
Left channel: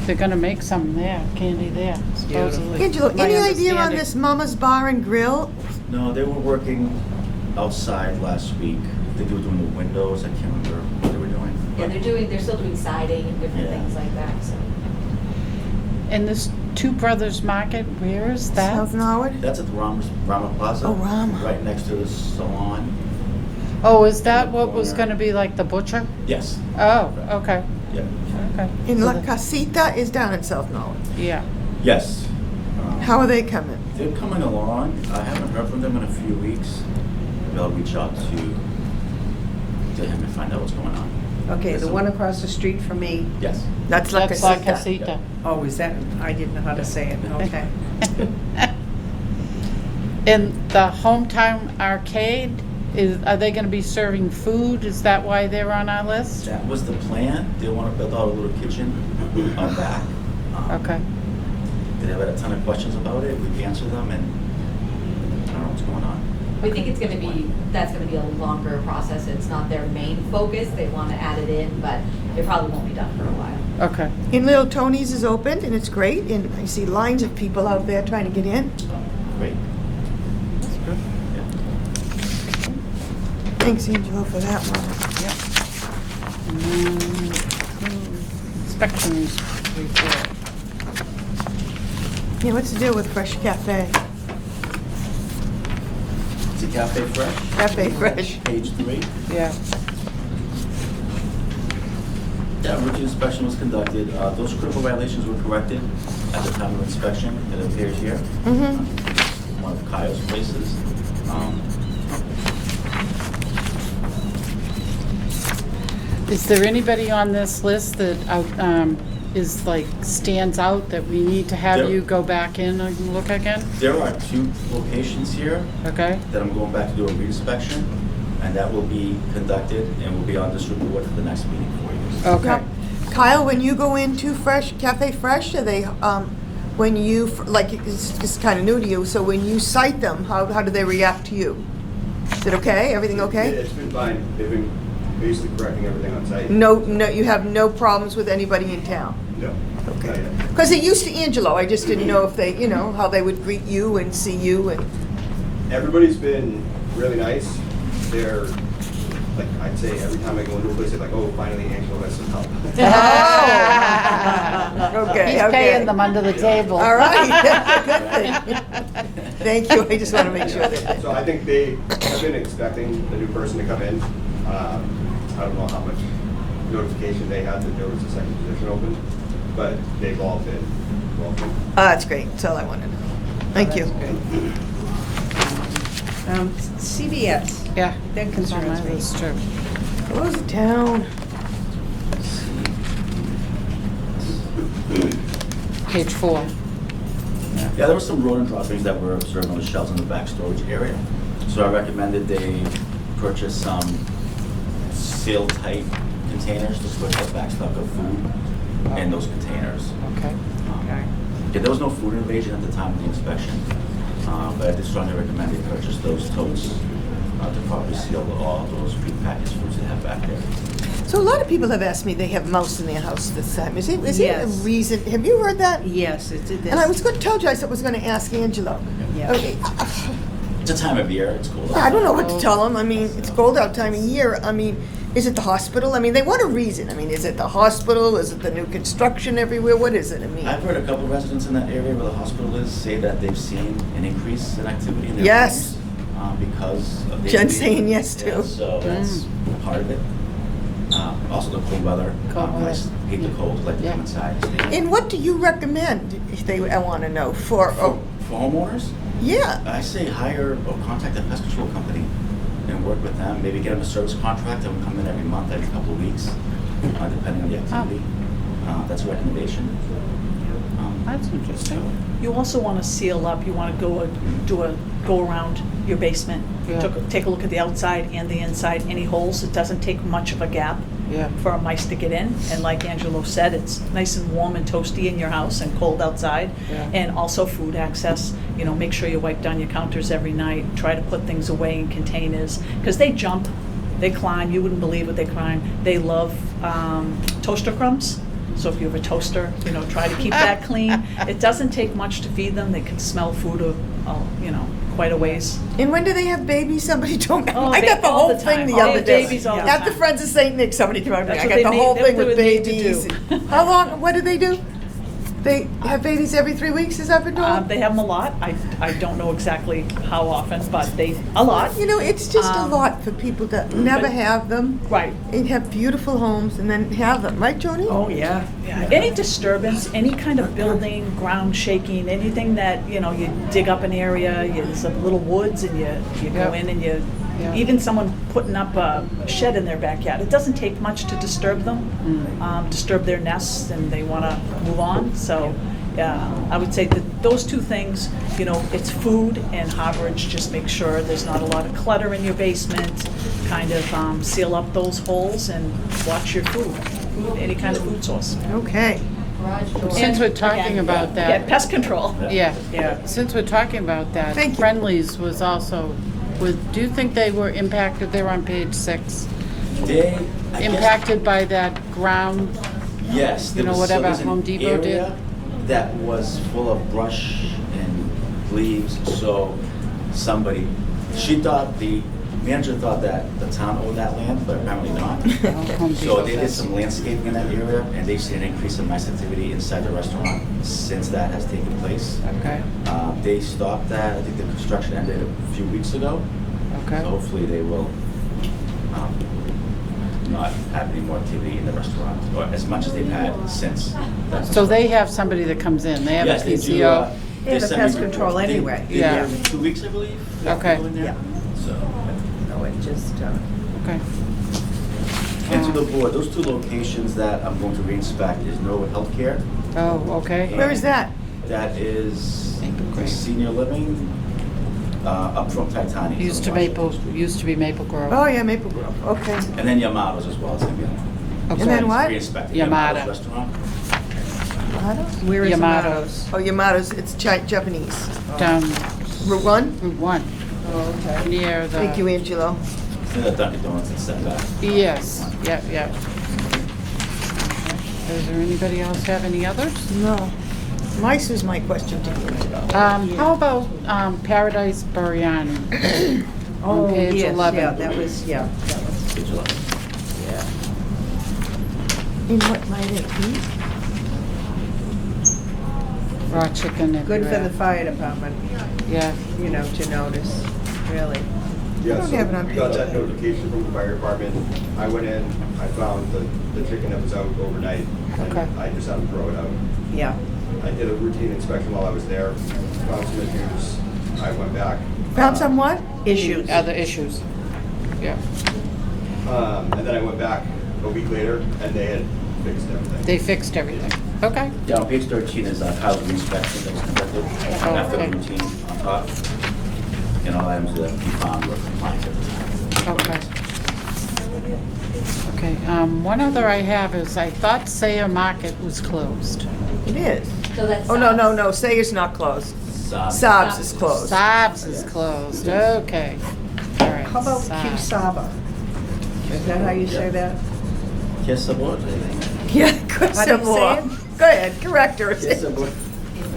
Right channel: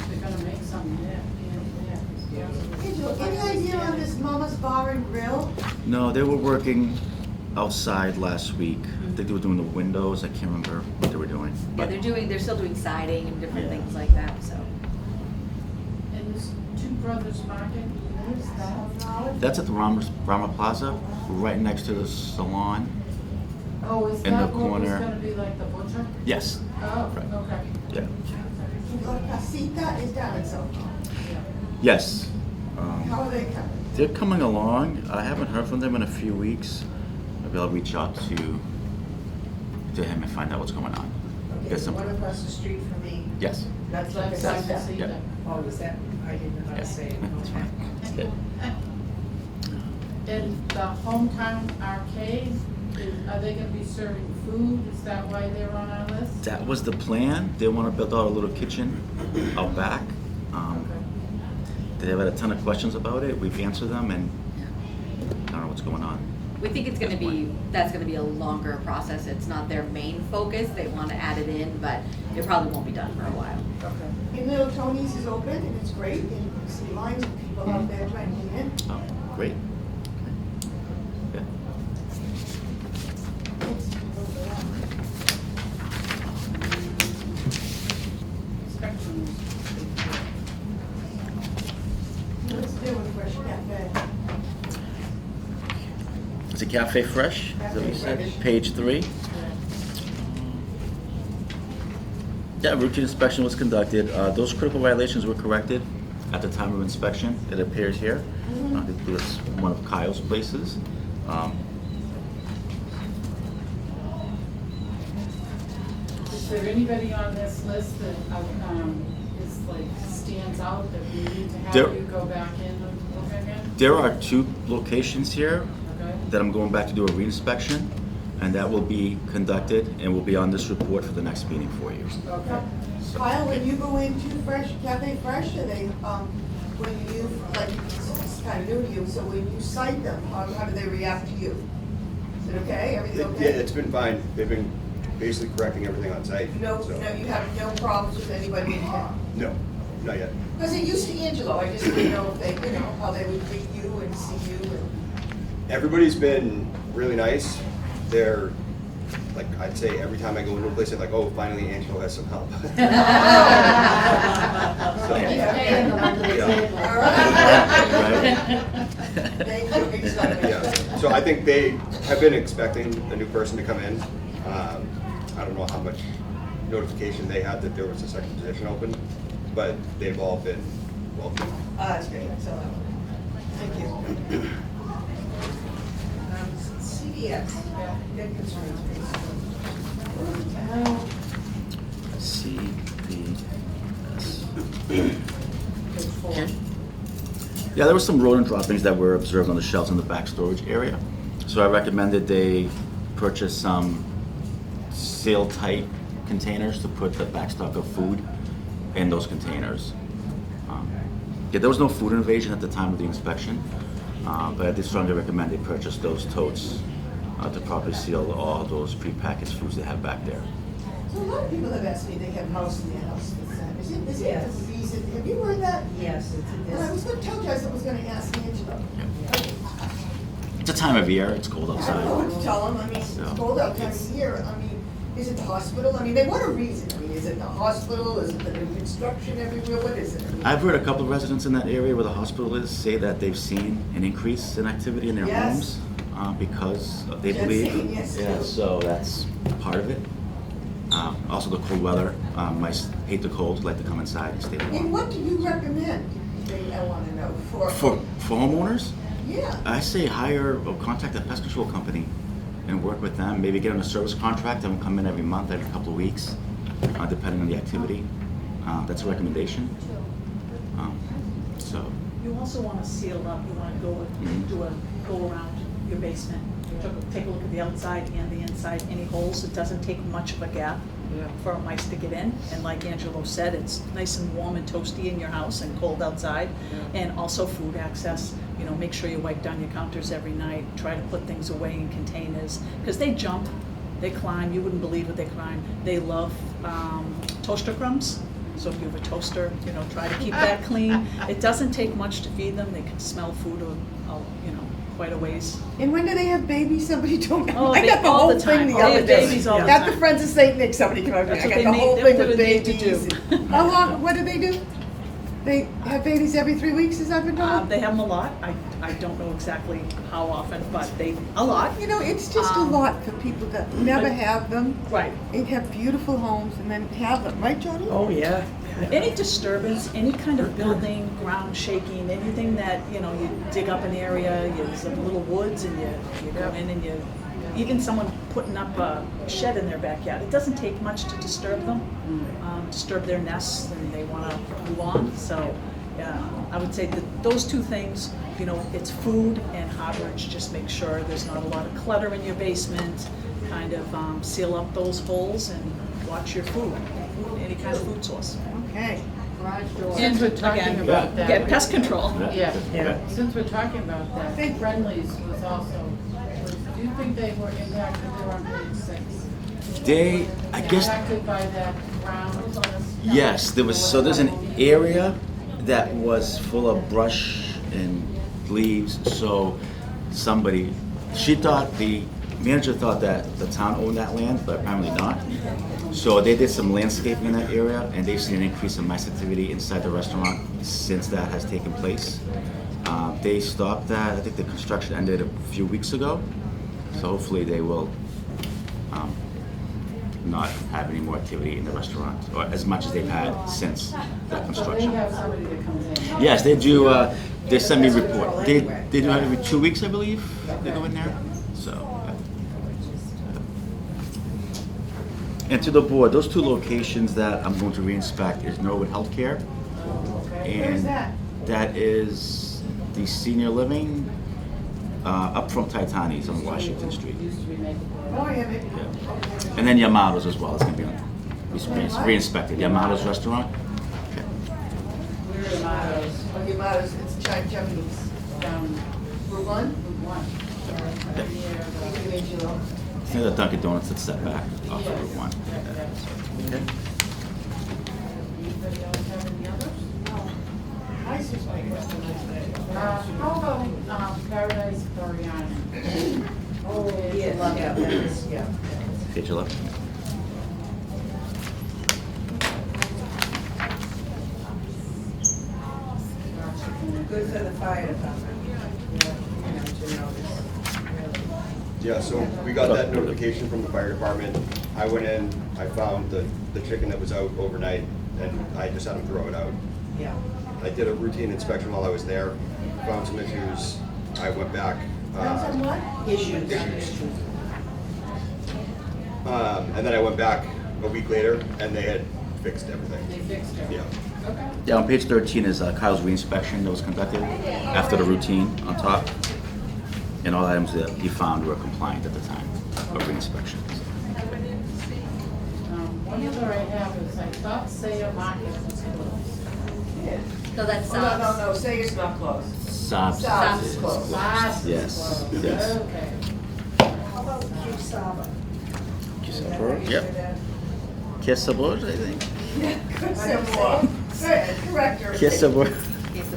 They're gonna make some there, candy there, supposedly. Angelo, My any idea on understanding. this Mama's Bar and Grill? No, they were working outside last week. They were doing the windows. I can't remember what they were doing. Yeah, they're still doing siding and different Yeah. things like that, so. And this Two Brothers Market, where is that? South Norwood? That's at the Rama Plaza. Oh, Rama. Right next to the salon. Oh, is In that the what was corner. gonna be like the butcher? Yes. Oh, okay, Yeah. okay. And So La the- Casita is down in South Norwood. Yeah, Yes. How are they coming? They're coming along. I haven't heard from them in a few weeks. Maybe I'll reach out to him and find out what's going on. Okay, the Listen. one across the street from me, Yes. That's La that's La Casita. Casita. oh, is that, I didn't know how to say it, okay. And the Hometown Arcade, are they gonna be serving food? Is that why they're on our list? That was the plan. They want to build out a little kitchen out back. Okay, They have a ton of questions about it. We've answered them, and I don't know what's going on. We think it's gonna be, that's gonna be a longer process. It's not their main focus. They wanna add it in, but it probably won't be done for a while. okay. And Little Tony's is open and it's great and I see lines of people out there trying to get in. Oh, great. That's good. Yeah. Thanks, Angelo, for that one. Inspections report. Yeah, what's the deal with Fresh Cafe? Is it Cafe Fresh? Cafe Fresh. Page 3. Yeah, Yeah, routine inspection was conducted. Those critical violations were corrected at the time of inspection. It appears here. Mhm. It's one of Kyle's places. is there anybody on this list that, is like, stands out that we need to have There- you go back in and look again? There are 2 locations here Okay, that I'm going back to do a reinspection, and that will be conducted and will be on this report for the next meeting for you. okay. Yep. Kyle, when you go into Cafe Fresh, are they, when you, like, it's kind of new to you, so when you cite them, how do they react to you? Is it okay? Everything Yeah, okay? it's been fine. They've been basically correcting everything on site. No, you have no problems with anybody in town? No, not yet. Because it used to Angelo, I just didn't know if they, how they would greet you and see you and, Everybody's been really nice. They're, like, I'd say every time I go into a place, they're like, oh, finally Angelo has some help. okay, He's okay. paying them under the Yeah. table. All right. Right. Thank you, I just want to make sure. Yeah. So I think they have been expecting the new person to come in. I don't know how much notification they had that there was a second position open, but they've all been welcome. That's great, that's all I wanted to know. Thank you. CVS, Yeah. that It's on concerns my me. list too. Close it down. Page 4. Yeah, there were some rodent droppings that were observed on the shelves in the back storage area. So I recommended they purchase some seal-tight containers to put the back stock of food in those containers. Okay. Yeah, there was no food invasion at the time of the inspection, but I did strongly recommend they purchase those totes to properly seal all those prepackaged foods they have back there. So a lot of people have asked me they have mouse in their house this time. Is it a Yes. reason? Have you heard that? Yes, it did this. And I was going to tell you, I was going to ask Angelo. Yeah. Okay, It's a time of year, it's cold out. I don't know what to tell him. I mean, it's cold out time of year. I mean, is it the hospital? I mean, they want a reason. I mean, is it the hospital? Is it the new construction everywhere? What is it? I mean, I've heard a couple of residents in that area where the hospital is say that they've seen an increase in activity in their Yes. homes because of the Jen's saying yes, Yeah, too. so that's part of it. Also the cold weather. Mice hate the cold, like to come Yeah. inside and stay. and what do you recommend? If they, I want to know for. For homeowners, Yeah. I say hire or contact a pest control company and work with them. Maybe get them a service contract, have them come in every month, every couple of weeks, depending on the activity. That's a recommendation. That's interesting. So, You also want to seal up, you want to go around your basement. Yeah. Take a look at the outside and the inside, any holes, it doesn't take much of a gap Yeah. for mice to get in. And like Angelo said, it's nice and warm and toasty in your house and cold outside. Yeah. And also food access, make sure you wipe down your counters every night, try to put things away in containers, because they jump, they climb, you wouldn't believe what they climb. They love toaster crumbs. So if you have a toaster, try to keep that clean. It doesn't take much to feed them. They can smell food, quite a ways. And when do they have babies? Somebody told me. Oh, I got the all whole the thing time. the All other the day. babies all the At the time. Friends of Saint Nick, somebody came up to me. That's I what got they the made- whole that's thing what with they made to babies. do. and- How long? What do they do? They have babies every 3 weeks. Is that been told? They have them a lot. I don't know exactly how often, but a lot. It's just a lot for people that never but- have them Right. and have beautiful homes and then have them, right, Joni? Oh, yeah. Yeah, any disturbance, any kind of building, ground shaking, anything that, you dig up an area, it's a little woods and you go Yep. in and Yeah. even someone putting up a shed in their backyard, it doesn't take much to disturb them, disturb their nests, and they want to move on. So, I would say that those two things, it's food and harborage, just make sure there's not a lot of clutter in your basement, kind of seal up those holes and watch your food, any kind of food source. Okay. Garage door. Since we're talking Again, about that. Yeah, pest control. Yeah, Yeah. since we're talking about that, Thank you. Friendlies was also, do you think they were impacted, they're on page 6, They, I guess, impacted by that ground? yes, there You know, was, so whatever there's Home an Depot area did? that was full of brush and leaves, so the manager thought that the town owned that land, but apparently not. Home So Depot they did does. some landscaping in that area, and they've seen an increase in mice activity inside the restaurant since that has taken place. Okay, They stopped that, I think the construction ended a few weeks ago, okay. so hopefully they will not have any more activity in the restaurant, or as much as they've had since that So they construction. have somebody that comes in, they have a Yes, they do, PCR. They they have a send me pest control reports. They anyway. do Yeah. it every 2 weeks, I believe. they Okay. go in there. Yeah. So, No, it just, Okay. and to the board, those two locations that I'm going to re-inspect is Norwood Healthcare. Oh, okay. Where is that? That is the senior living, up from Titania's Used to on Washington Maple, Street. used to be Maple Grove. Oh, yeah, Maple Grove. Okay. And then Yamato's as well, it's gonna be on. I'm And then sorry. what? Re-inspected, Yamada. Yamato's restaurant. where is Yamato's, Oh, Yamato's, it's Japanese. down Route 1? Route 1, Oh, okay. near Thank you, the, Angelo. The Dunkin' Donuts that's set back. yes, yep, yep. Does there anybody else have any others? No. Mice is my question to you. How about Paradise Biryani? Oh, On page yes, 11. yeah, that was, Page 11. And what might it be? Raw chicken and. good for the fire department, Yeah, to notice, really. Yeah, so Yeah, but we got that notification from the fire department. I went in, I found the chicken that was out overnight, Okay. and I just had them throw it out. Yeah. I did a routine inspection while I was there, found some issues. I went back. Found some what? Issues. other issues. Yeah, And then I went back a week later, and they had fixed everything. they fixed everything. Okay, Yeah, on page 13 is Kyle's re-inspection that was conducted after the routine on top. And all items that he found were compliant at the time. okay. Okay, one other I have is I thought Sayre Market was closed. It is. So that's. Oh, no, Sayer's not closed. Sobs. Sobs is closed. Sabs is Yes. closed, Yes. okay. All right. How about Sabs. Q-Saba? Is that how you say Yeah. that? Kiss the board, I think. Yeah, good How do you some say more. it? Go ahead, correct her. Kiss the board.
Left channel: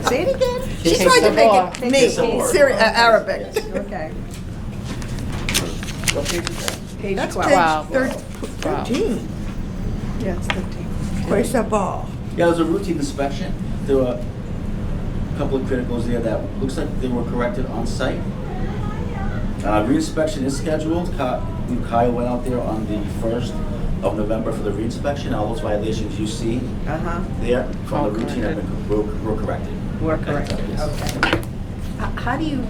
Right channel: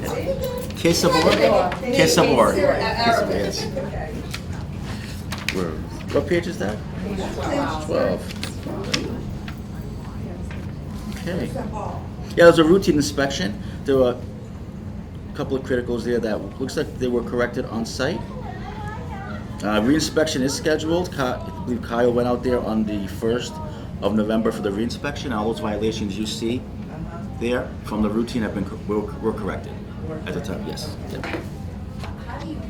Say it again? Kiss She's trying to the make board. it Kiss the neat. board. Arabic. Yes. Okay. What page is that? Page That's 12. page Wow. 13. Yeah, it's 13. Where's the ball? Yeah, there was a routine inspection. There were a couple of criticals there that looks like they were corrected on site. Re-inspection is scheduled. Kyle went out there on the 1st of November for the re-inspection. All those violations you see Uh-huh. there from the Oh, routine have been, were corrected. We're at the correct. time, yes. Okay. How do you,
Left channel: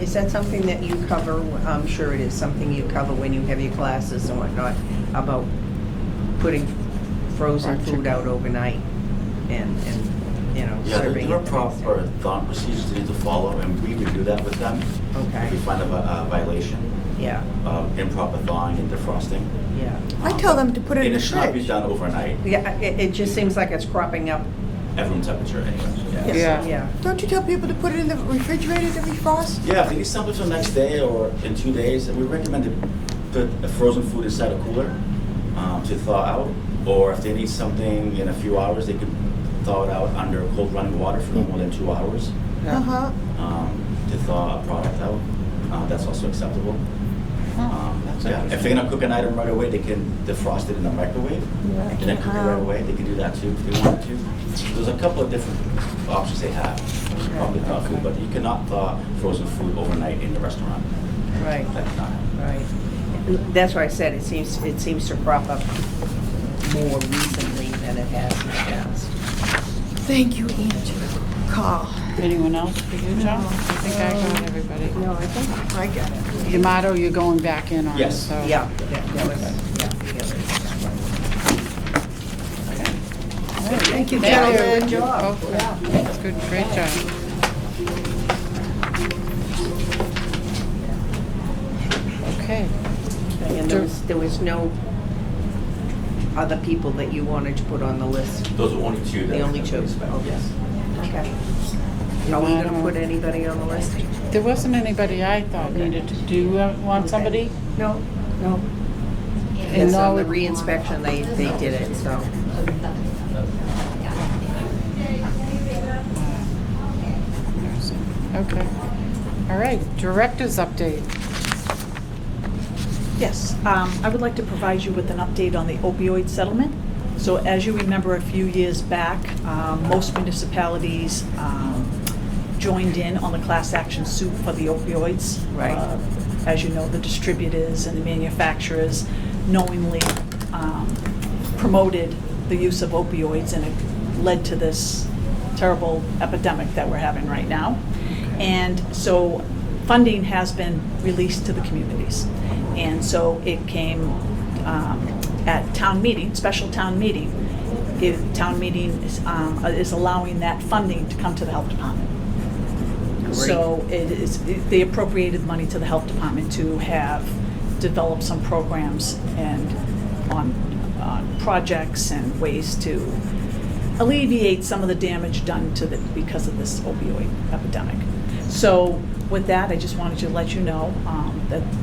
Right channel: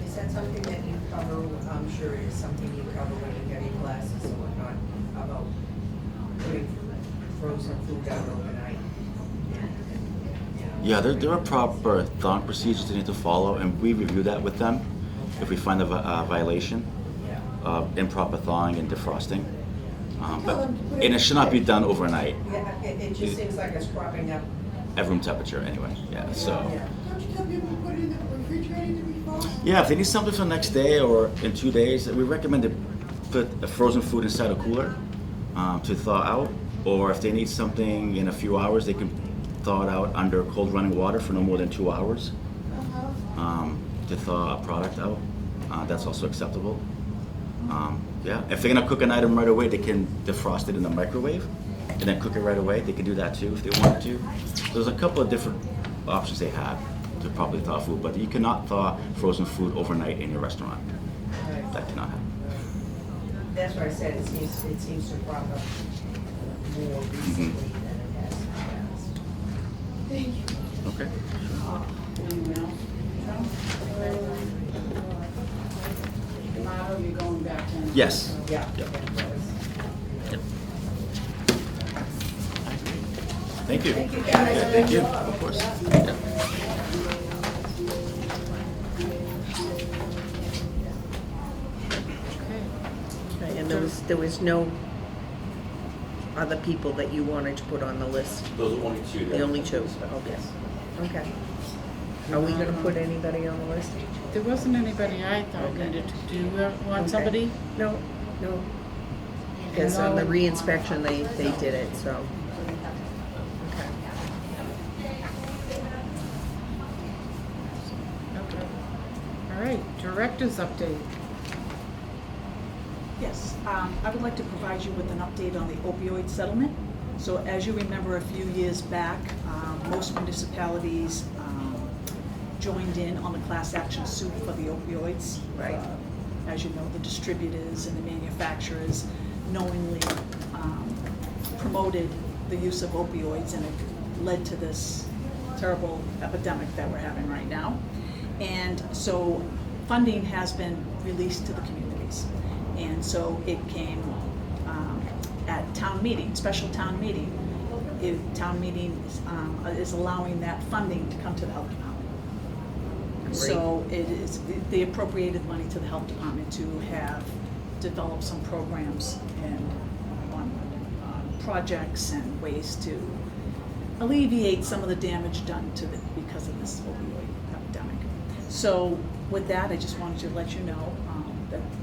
is that something that you cover? I'm sure it is something you cover when you have your classes and whatnot, about putting frozen Fried food chicken. out overnight and Yeah, serving there are it the next proper day. thought procedures they need to follow, and we would do that with them. Okay. If we find a violation Yeah, of improper thawing and defrosting. yeah. I tell them to put it in And the it should not be fridge. done overnight, Yeah, it just seems like it's cropping up. at room temperature anyway. Yeah. So- Yeah. Don't you tell people to put it in the refrigerator to defrost? Yeah, if they need something for the next day or in 2 days, we recommend to put the frozen food inside a cooler. to thaw out, or if they need something in a few hours, they can thaw it out under cold running water for no more than 2 hours Uh-huh. to thaw a product out. That's also acceptable. That's Yeah, if they're gonna cook an item right away, they can defrost it in the microwave and then cook it right away. They can do that too if they wanted to. There's a couple of different options they have to probably thaw food, but you cannot thaw frozen food overnight in the restaurant. Right, That's not. right. That's why I said it seems to crop up more recently than it has in the past. Thank you, Andrew. Carl. Anyone else for you, John? I think I got everybody. No, I think, I got it. Yamato, you're going back in on, Yes. so. yeah. Thank you, Thank gentlemen. you. Oh, that's good, great job. Okay. And there was no other people that you wanted to put on the list? Those are only two. The only two? Yes. Okay. Are we gonna put anybody on the list? There wasn't anybody I thought needed to do, want Okay. somebody? No, no. Yes, on the re-inspection, they did it, so. Okay. All right, director's update. Yes, I would like to provide you with an update on the opioid settlement. So as you remember, a few years back, most municipalities joined in on the class action suit for the opioids. Right. As you know, the distributors and the manufacturers knowingly promoted the use of opioids, and it led to this terrible epidemic that we're having right now. And so funding has been released to the communities. And so it came at town meeting, special town meeting. Town meeting is allowing that funding to come to the health department. So they appropriated money to the health department to have developed some programs and on projects and ways to alleviate some of the damage done to because of this opioid epidemic. So with that, I just wanted to let you know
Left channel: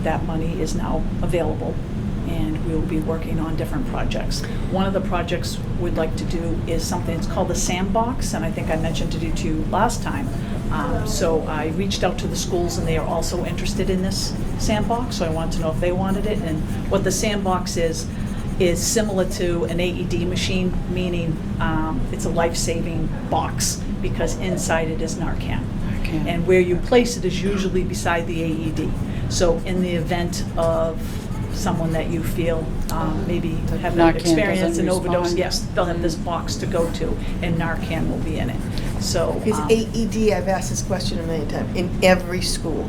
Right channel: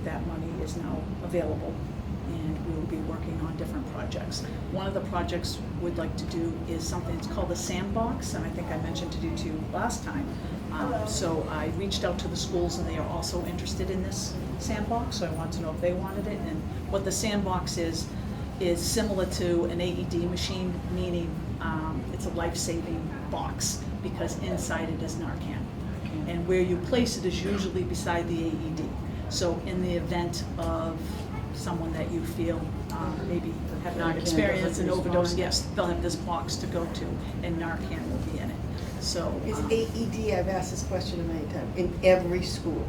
that money is now available, and we will be working on different projects. One of the projects we'd like to do is something, it's called the Sandbox, and I think I mentioned it to you last time. So I reached out to the schools, and they are also interested in this Sandbox, so I wanted to know if they wanted it. And what the Sandbox is similar to an AED machine, meaning it's a life-saving box, because inside it is Narcan. And where you place it is usually beside the AED. So in the event of someone that you feel maybe have Narcan an experience, doesn't an overdose, respond. yes, they'll have this box to go to, and Narcan will be in it. So Is AED, I've asked this question a million times, in every school?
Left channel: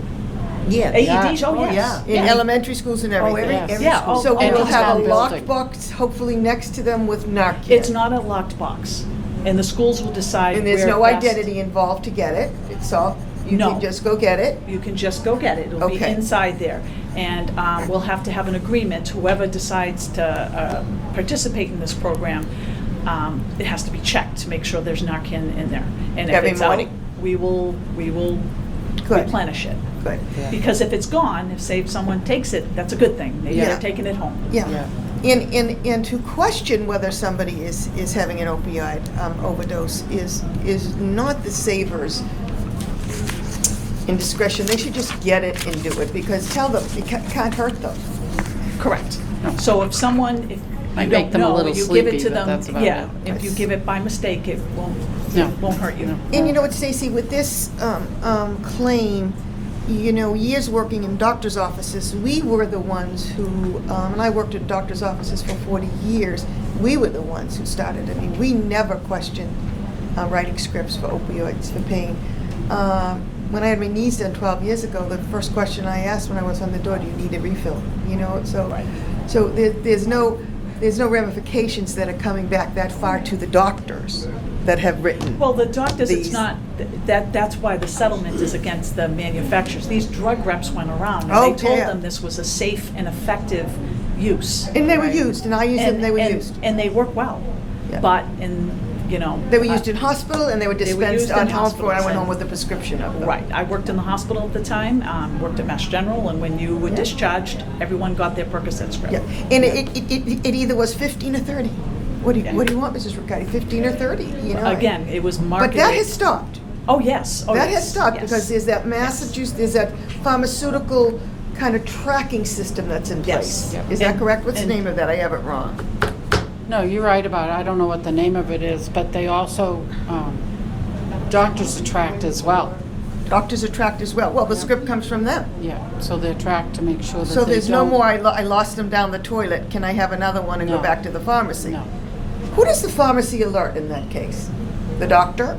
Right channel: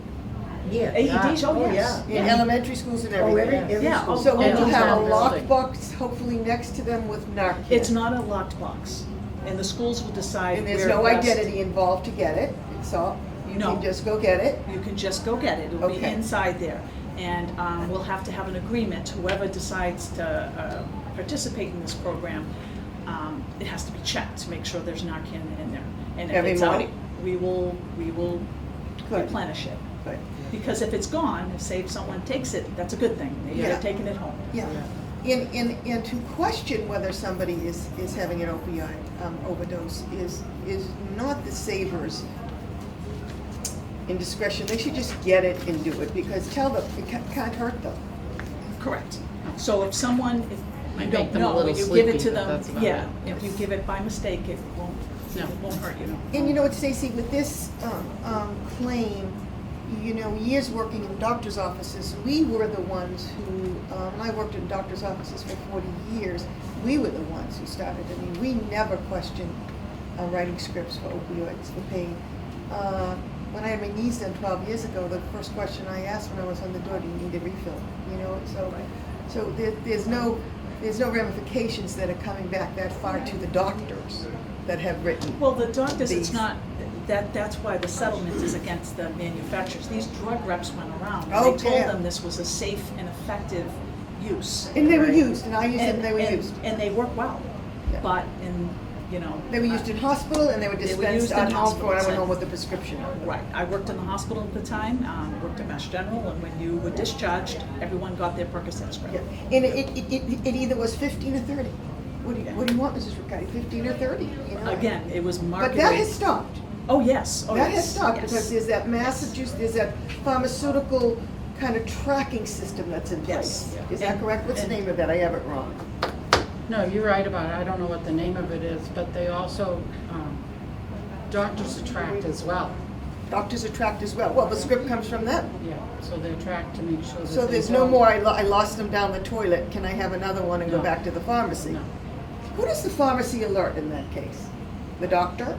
Yeah. AED, Yeah. oh yes. In Yeah. elementary schools and everything? every Yeah, school. So we And will it's have not a building. locked box, hopefully next to them with Narcan? It's not a locked box, and the schools will decide And where there's no best- identity involved to get it? It's all, you No. can just go get it? You can just go get it. It'll be Okay. inside there. And we'll have to have an agreement. Whoever decides to participate in this program, it has to be checked to make sure there's Narcan in there. And if Every it's out, morning? we will Good. replenish it. Good. Because if it's gone, if someone takes it, that's a good thing. Maybe Yeah. they're taking it home. Yeah. And to question whether somebody is having an opioid overdose is not the saver's indiscretion. They should just get it and do it, because tell them, it can't hurt them. Correct. So if someone, if Might you make don't them a know, little you give it sleepy, to but them, that's about yeah. it. If you give it by mistake, it No. won't hurt you. And you know what, Stacy, with this claim, you know, years working in doctor's offices, we were the ones who, and I worked in doctor's offices for 40 years, we were the ones who started. I mean, we never questioned writing scripts for opioids, for pain. When I had my knees done 12 years ago, the first question I asked when I was on the door, do you need a refill? You know, so, Right. so there's no ramifications that are coming back that far to the doctors that have written. Well, the doctors, it's These. not, that's why the settlement is against the manufacturers. These drug reps went around, and they Okay. told them this was a safe and effective use. And they were Right. used, and I used them, and they were used. And they work well. Yeah. But you know. They were used in hospital and they were They were dispensed used in at home when I hospitals went home and- with a prescription of them. Right, I worked in the hospital at the time, worked at Mass General, and when you were discharged, everyone got their Percocet script. Yeah, and it either was 15 or 30. What do Yeah. you want, Mrs. Riccardi, 15 or 30, you know? Again, it was But marketed. that has stopped. Oh, yes, oh, That yes, has stopped yes. because there's that Massachusetts, there's that pharmaceutical kind of tracking system that's in Yes. place. Yeah. Is that And- correct? What's the and- name of that? I have it wrong. No, you're right about it. I don't know what the name of it is, but they also, doctors are tracked as well. Doctors are tracked as well. Well, the script comes from them. Yeah, so they're tracked to make sure that So they there's no don't- more, I lost them down the toilet, can I have another one and go No. back to the pharmacy? No. Who does the pharmacy alert in that case? The doctor?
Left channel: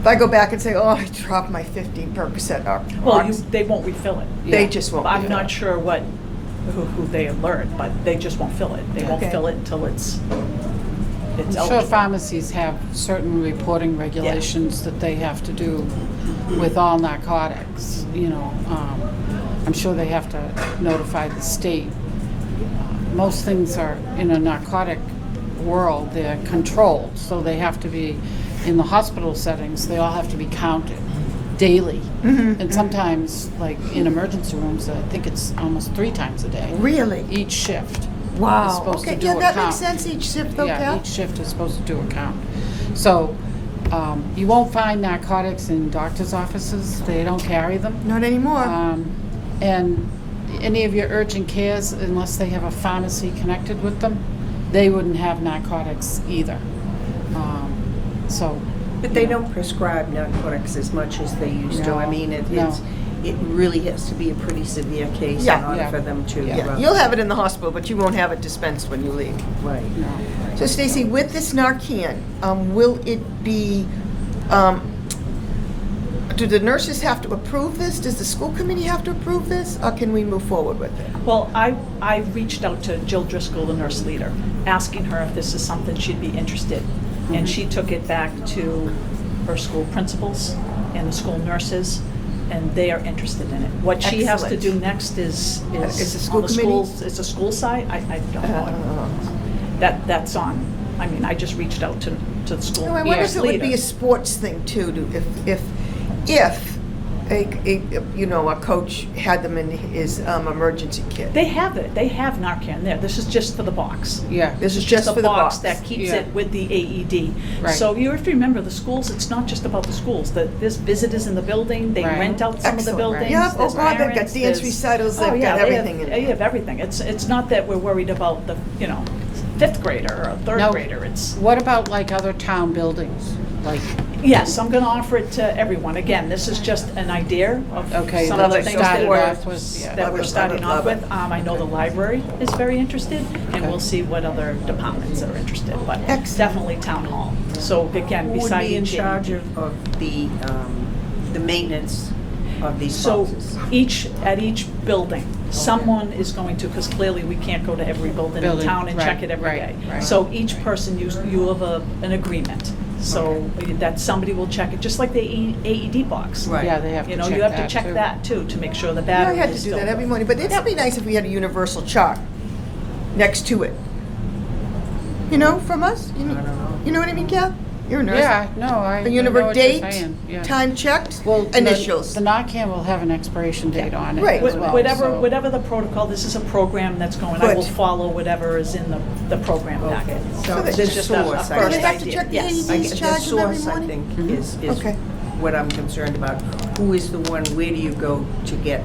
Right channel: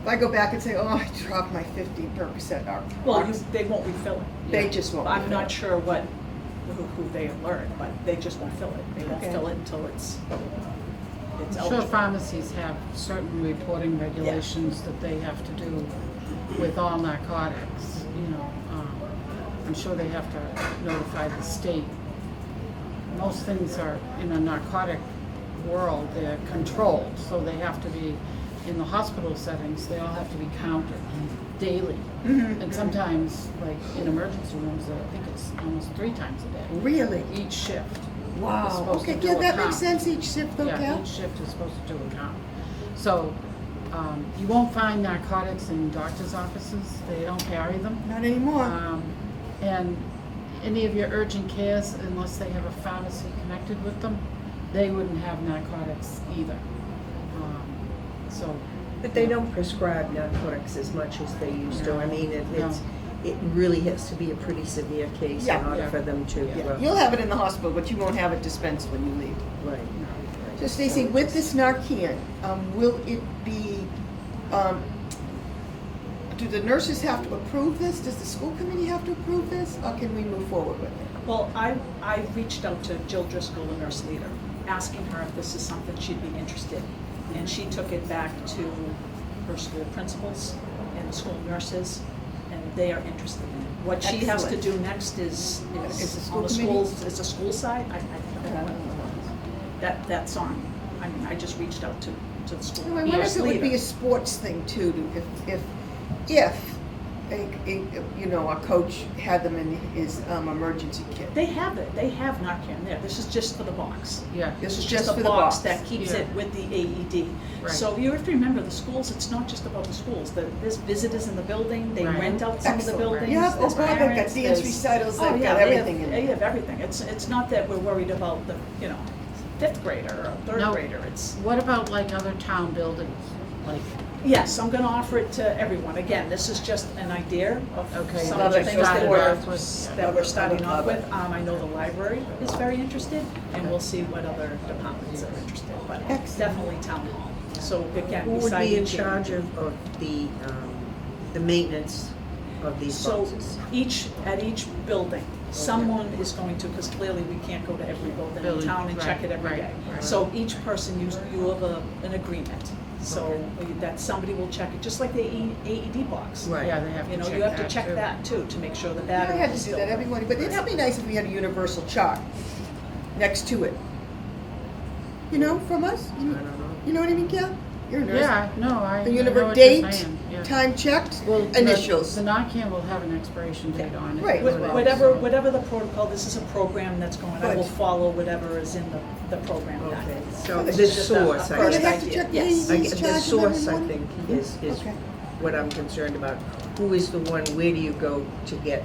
If I go back and say, oh, I dropped my 50 Percocet, Well, they won't refill it. they Yeah. just won't. I'm do not that. sure who they alert, but they just won't fill it. They won't Okay. fill it until it's I'm sure eligible. pharmacies have certain reporting regulations that they have to do with all narcotics, you know. I'm sure they have to notify the state. Most things are, in a narcotic world, they're controlled, so they have to be, in the hospital settings, they all have to be counted daily. Mhm. And sometimes, like in emergency rooms, I think it's almost 3 times a day. Really? Each shift. is Wow. supposed to Okay, do yeah, a that count. makes sense, each shift though, Yeah, Cal? each shift is supposed to do a count. So, you won't find narcotics in doctor's offices, they don't carry them. Not anymore. And any of your urgent cares, unless they have a pharmacy connected with them, they wouldn't have narcotics either. So. But they you know. don't prescribe narcotics as much as they used to. I No, mean, no. it really has to be a pretty severe case in Yeah. order Yeah. for them to. Yeah, you'll have it in the hospital, but you won't have it dispensed when you leave. Right. No. So Stacy, with this Narcan, will it be, do the nurses have to approve this? Does the school committee have to approve this? Or can we move forward with it? Well, I reached out to Jill Driscoll, the nurse leader, asking her if this is something she'd be interested. And she took it back to her school principals and the school nurses, and they are interested in it. What she has to Excellent. do next is Is the school on the committee? schools, is the school side, I don't know. That's on, I mean, I just reached out to the school No, I wonder if it would leader. be a sports thing too, if a coach had them in his emergency kit. They have it, they have Narcan there, this is just for the box. Yeah. This is just just a for the box. that keeps Yeah. it with the AED. Right. So you have to remember, the schools, it's not just about the schools, there's visitors in the building, they Right. rent out some of the Excellent. buildings, Yeah, there's oh God, they've got parents, dance there's- recitals, they've Oh, yeah, got they everything in They it. have everything, it's not that we're worried about the, 5th grader or a 3rd Now, grader, it's, What about like other town buildings? Like, yes, I'm gonna offer it to everyone. Again, this is just an idea of Okay, some of the love it. things that Started we're, off with, yeah. that Love we're it, starting love off it, with. I know the library is very interested, and Okay. we'll see what other departments are interested, but Excellent. definitely town hall. So again, Who would beside be in each. charge of the maintenance of these So boxes? at each building, someone is going to, because clearly we can't go to every building in Building, town and check right, it every right, day. right. So each person, you have an agreement. So that somebody will check it, just like the AED box. Right. yeah, they have to You check know, you have to that, check too. that too, to make sure the Yeah, battery I had is to do still. that every morning, but it'd be nice if we had a universal chart next to it. From us? You know what I mean, Cal? You're a nurse. Yeah, no, I A know universal what you're date, saying, yeah. time checked, Well, the- initials. The Narcan will have an expiration date on it Right. as well. Whatever, so- whatever the protocol, this is a program that's going, I will Good. follow whatever is in the program Okay. packet. So this the is just a source, I first Do they guess. have to idea. check the Yes. AEDs I guess the charge them every source, I morning? think, is Okay. what I'm concerned about. Who is the one, where do you go to get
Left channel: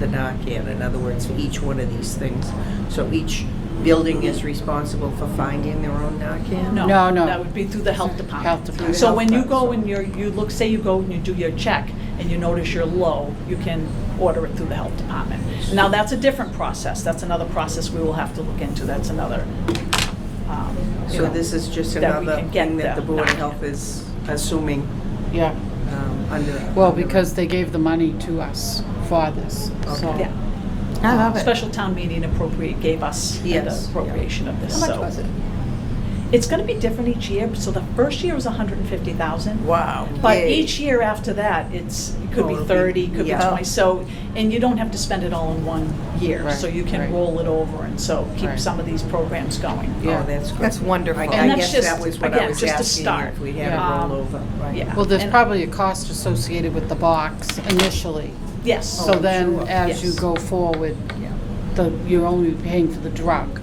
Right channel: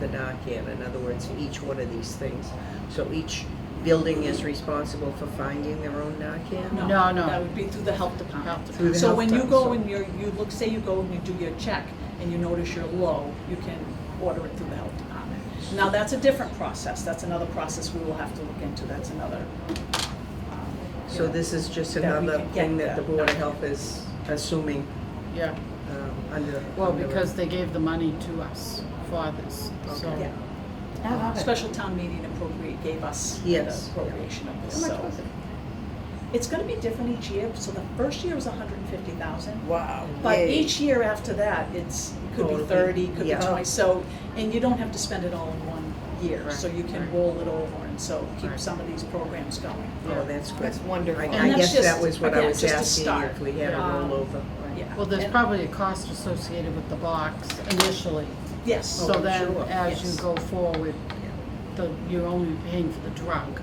the Narcan? In other words, for each one of these things. So each building is responsible for finding their own Narcan? No, No, no. that would be through the health department. Health department. So when you Health go department, and you look, say you go and you do your check and you notice you're low, you can order it through the health department. Now, that's a different process. That's another process we will have to look into. That's another, you So know, this is just that we another can get thing that the the Board of Narcan. Health is assuming Yeah, under. well, under- because they gave the money to us for this, so. Okay. Yeah. I love it. Special town meeting gave us the Yes. appropriation of this, How much so. was it? It's gonna be different each year, so the first year was 150,000. Wow. But Yay. each year after that, it could be Oh, it'll be- 30, could be yeah. 20, so, and you don't have to spend it all in one year, so Right, you can right. roll it over and so keep Right. some of these programs going. Yeah. Oh, that's good. That's wonderful. I And that's guess that just- was what again, I was just a asking, start. if we had a Yeah. rollover, right? Yeah. Well, there's And- probably a cost associated with the box initially. Yes. So Oh, then, sure. as you Yes. go forward, Yeah. you're only paying for the drug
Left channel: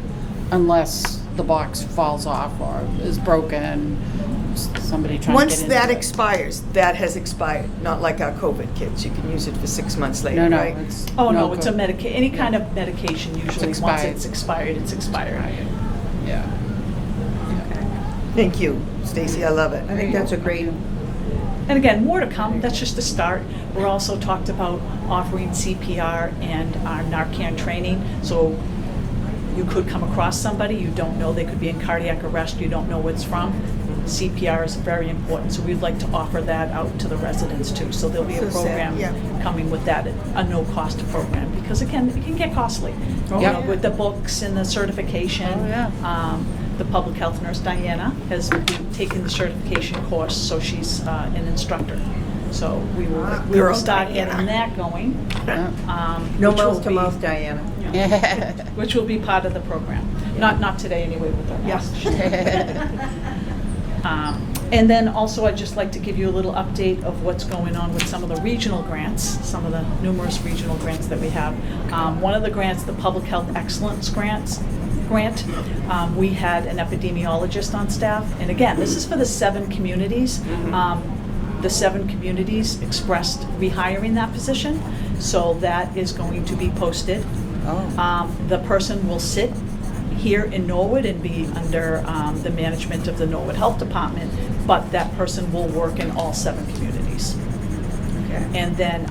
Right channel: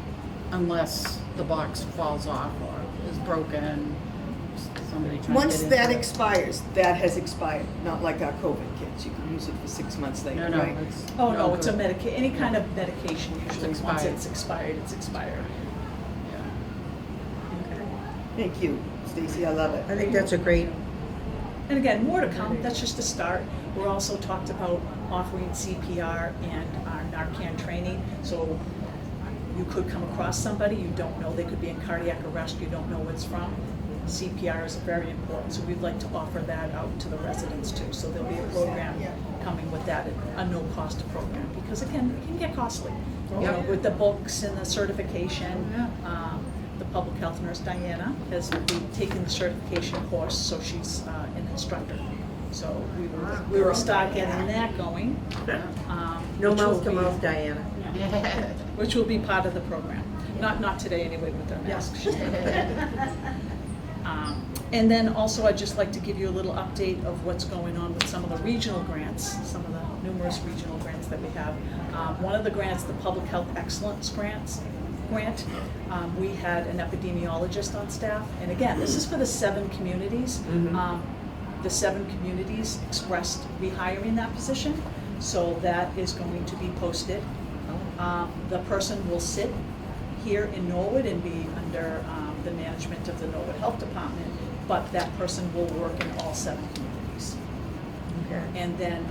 unless the box falls off or is broken, somebody trying to get Once into that it. expires, that has expired, not like our COVID kits. You can use it for 6 months later, No, right? it's. Oh, no, it's a good. any kind of medication usually, once expired. it's expired, it's expired. Yeah. Thank you, Stacy, I love it. I think that's a great, And again, more to come, that's just a start. We're also talked about offering CPR and our Narcan training, so you could come across somebody, you don't know, they could be in cardiac arrest, you don't know what it's from. CPR is very important, so we'd like to offer that out to the residents too. So there'll be a So sad, program yeah. coming with that, a no-cost program, because again, it can get costly. Oh, You know, yeah. with the books and the certification. Oh, yeah. The public health nurse, Diana, has taken the certification course, so she's an instructor. So we will Girl start Diana. getting that going. no which will mouth to be- mouth, Diana. Yeah. Which will be part of the program. Not today anyway with our masks. And then also, I'd just like to give you a little update of what's going on with some of the regional grants, some of the numerous regional grants that we have. One of the grants, the Public Health Excellence Grant, we had an epidemiologist on staff. And again, this is for the 7 communities. The 7 communities expressed rehiring that position, so that is going to be posted. The person will sit here in Norwood and be under the management of the Norwood Health Department, but that person will work in all 7 communities. Okay. And then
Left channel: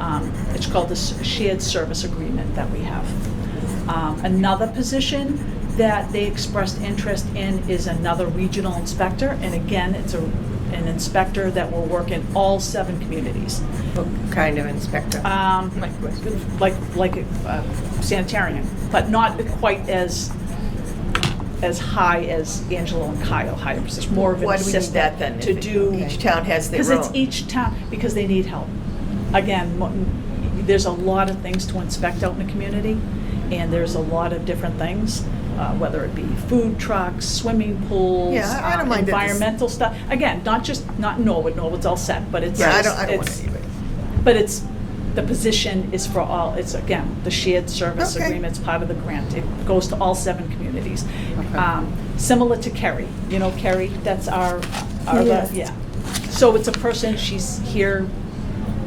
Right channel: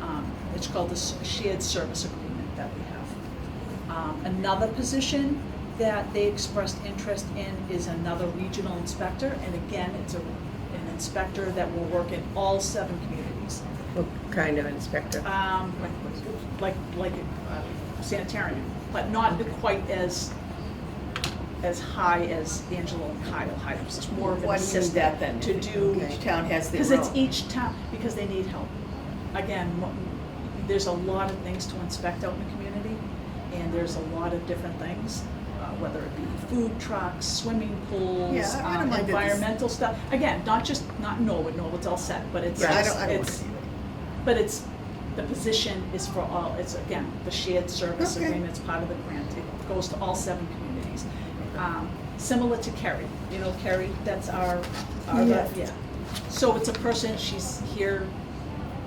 it's called the shared service agreement that we have. Another position that they expressed interest in is another regional inspector, and again, it's an inspector that will work in all 7 communities. What kind of inspector? Like sanitarian, but not quite as high as Angelo and Kyle hired. It's more of an Why do we need assistant that then? to if do. Each town has their own. Because it's each town, because they need help. Again, there's a lot of things to inspect out in the community, and there's a lot of different things, whether it be food trucks, swimming pools, Yeah, I don't mind it. environmental stuff. Again, not in Norwood, Norwood's all set, but it's Yeah, I just, don't want it's, to see it. but it's, the position is for all, it's again, the shared service Okay. agreement's part of the grant. It goes to all 7 communities. Okay. Similar to Kerry, you know Kerry, that's our, Yes. yeah. So it's a person, she's here,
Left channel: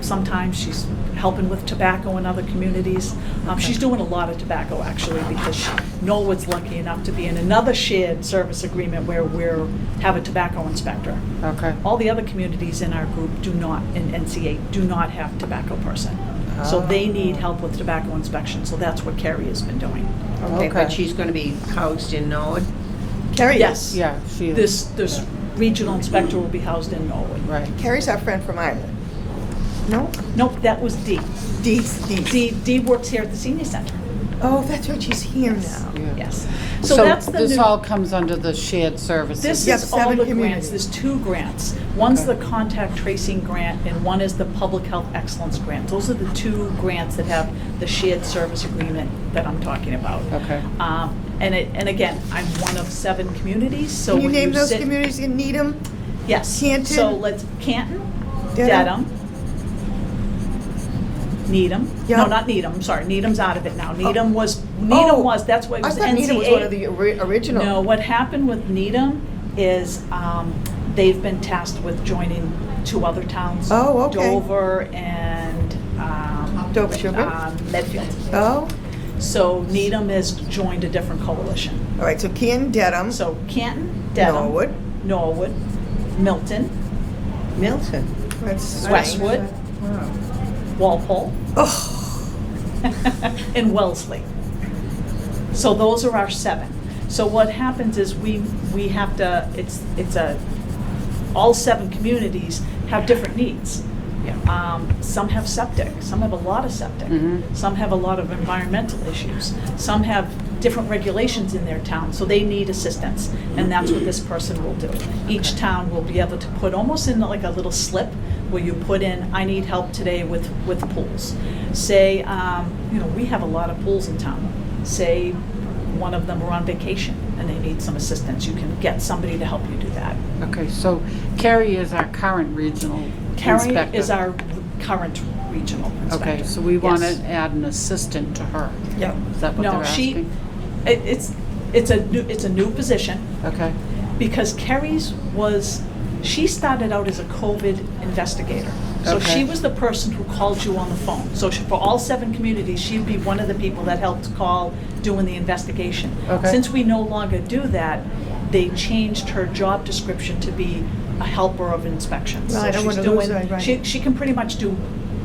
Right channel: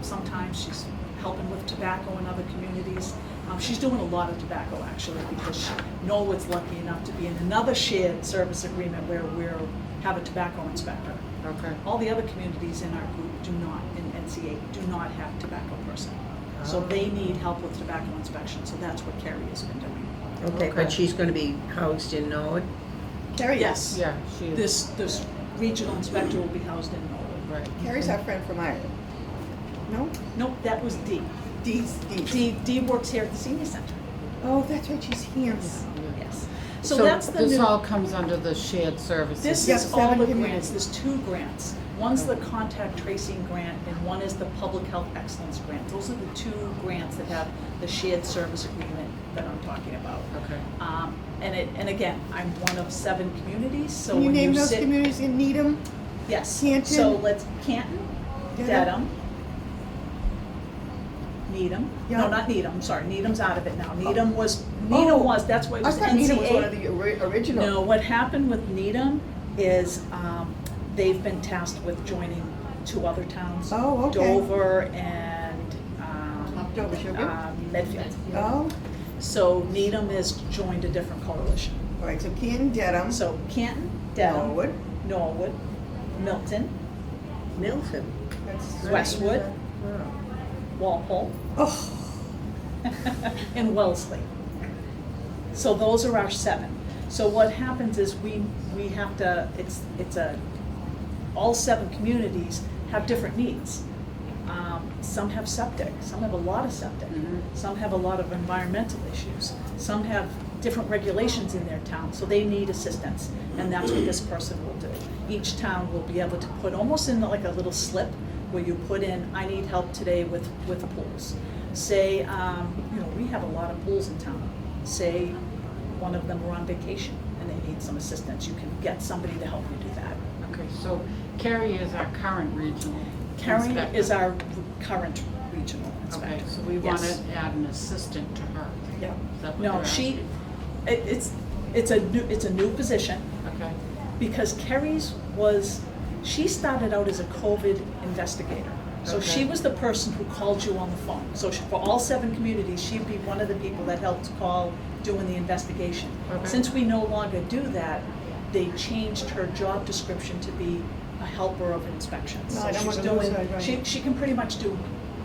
sometimes she's helping with tobacco in other communities. She's doing a lot of tobacco actually, because Norwood's lucky enough to be in another shared service agreement where we're, have a tobacco inspector. Okay. All the other communities in our group do not, in NCA, do not have tobacco person. So they need help with tobacco inspection, so that's what Kerry has been doing. Okay, Okay. but she's gonna be housed in Norwood? Carrie Yes. Yeah, she is. This regional inspector will be housed in Norwood. Right. Carrie's our friend from Ireland. No? Nope, that was Dee. Dee's. Dee works here at the senior center. Oh, that's right, she's here now. Yeah. Yes. So that's the this new. all comes under the shared services. This Yeah, is all 7 the communities. grants, there's 2 grants. One's Okay. the contact tracing grant and one is the public health excellence grant. Those are the 2 grants that have the shared service agreement that I'm talking about. Okay. And again, I'm one of 7 communities, so Can you when name you those sit. communities in Needham? Yes. Canton? So let's, Canton, Dedham? Dedham, Needham. Yeah. No, not Needham, I'm sorry, Needham's out of it now. Needham was, that's why it I was NCA. thought Needham was one of the original. No, what happened with Needham is they've been tasked with joining 2 other towns. Oh, okay. Dover and Dover Sugar? Medfield. Oh, So Needham has joined a different coalition. all right, so Canton, Dedham, So Canton, Dedham. Norwood. Norwood, Milton, Milton? That's strange. Westwood, Wow. Walpole, Oh, and Wellesley. So those are our 7. So what happens is we have to, all 7 communities have different needs. Some have septic, some have a lot of septic, some have a lot of environmental issues, some have different regulations in their town, so they need assistance, and that's what this person will do. Each town will be able to put almost in like a little slip where you put in, I need help today with pools. Say, we have a lot of pools in town. say one of them are on vacation and they need some assistance, you can get somebody to help you do that. Okay, so Carrie is our current regional Carrie inspector. is our current regional inspector. Okay, so we want Yes. to add an assistant to her. Yeah. Is that what No, they're she, asking? it's a new position, Okay, because Carrie's she started out as a COVID investigator. So Okay. she was the person who called you on the phone. So for all 7 communities, she'd be one of the people that helped call doing the investigation. Okay. Since we no longer do that, they changed her job description to be a helper of inspections. Right, So I she's wanna lose doing, that, right. she can pretty much do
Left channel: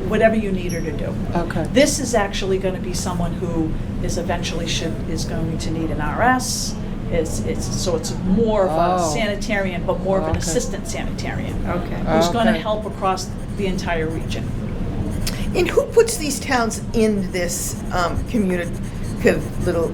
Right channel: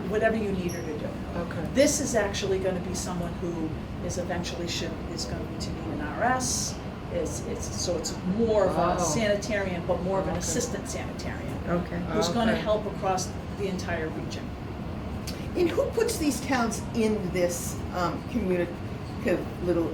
whatever you need her to do. okay. This is actually going to be someone who is going to need an RS. So it's more of a Oh. sanitarian, but more of an Okay. assistant sanitarian. Okay. Who's going to Okay. help across the entire region. And who puts these towns in this communicative little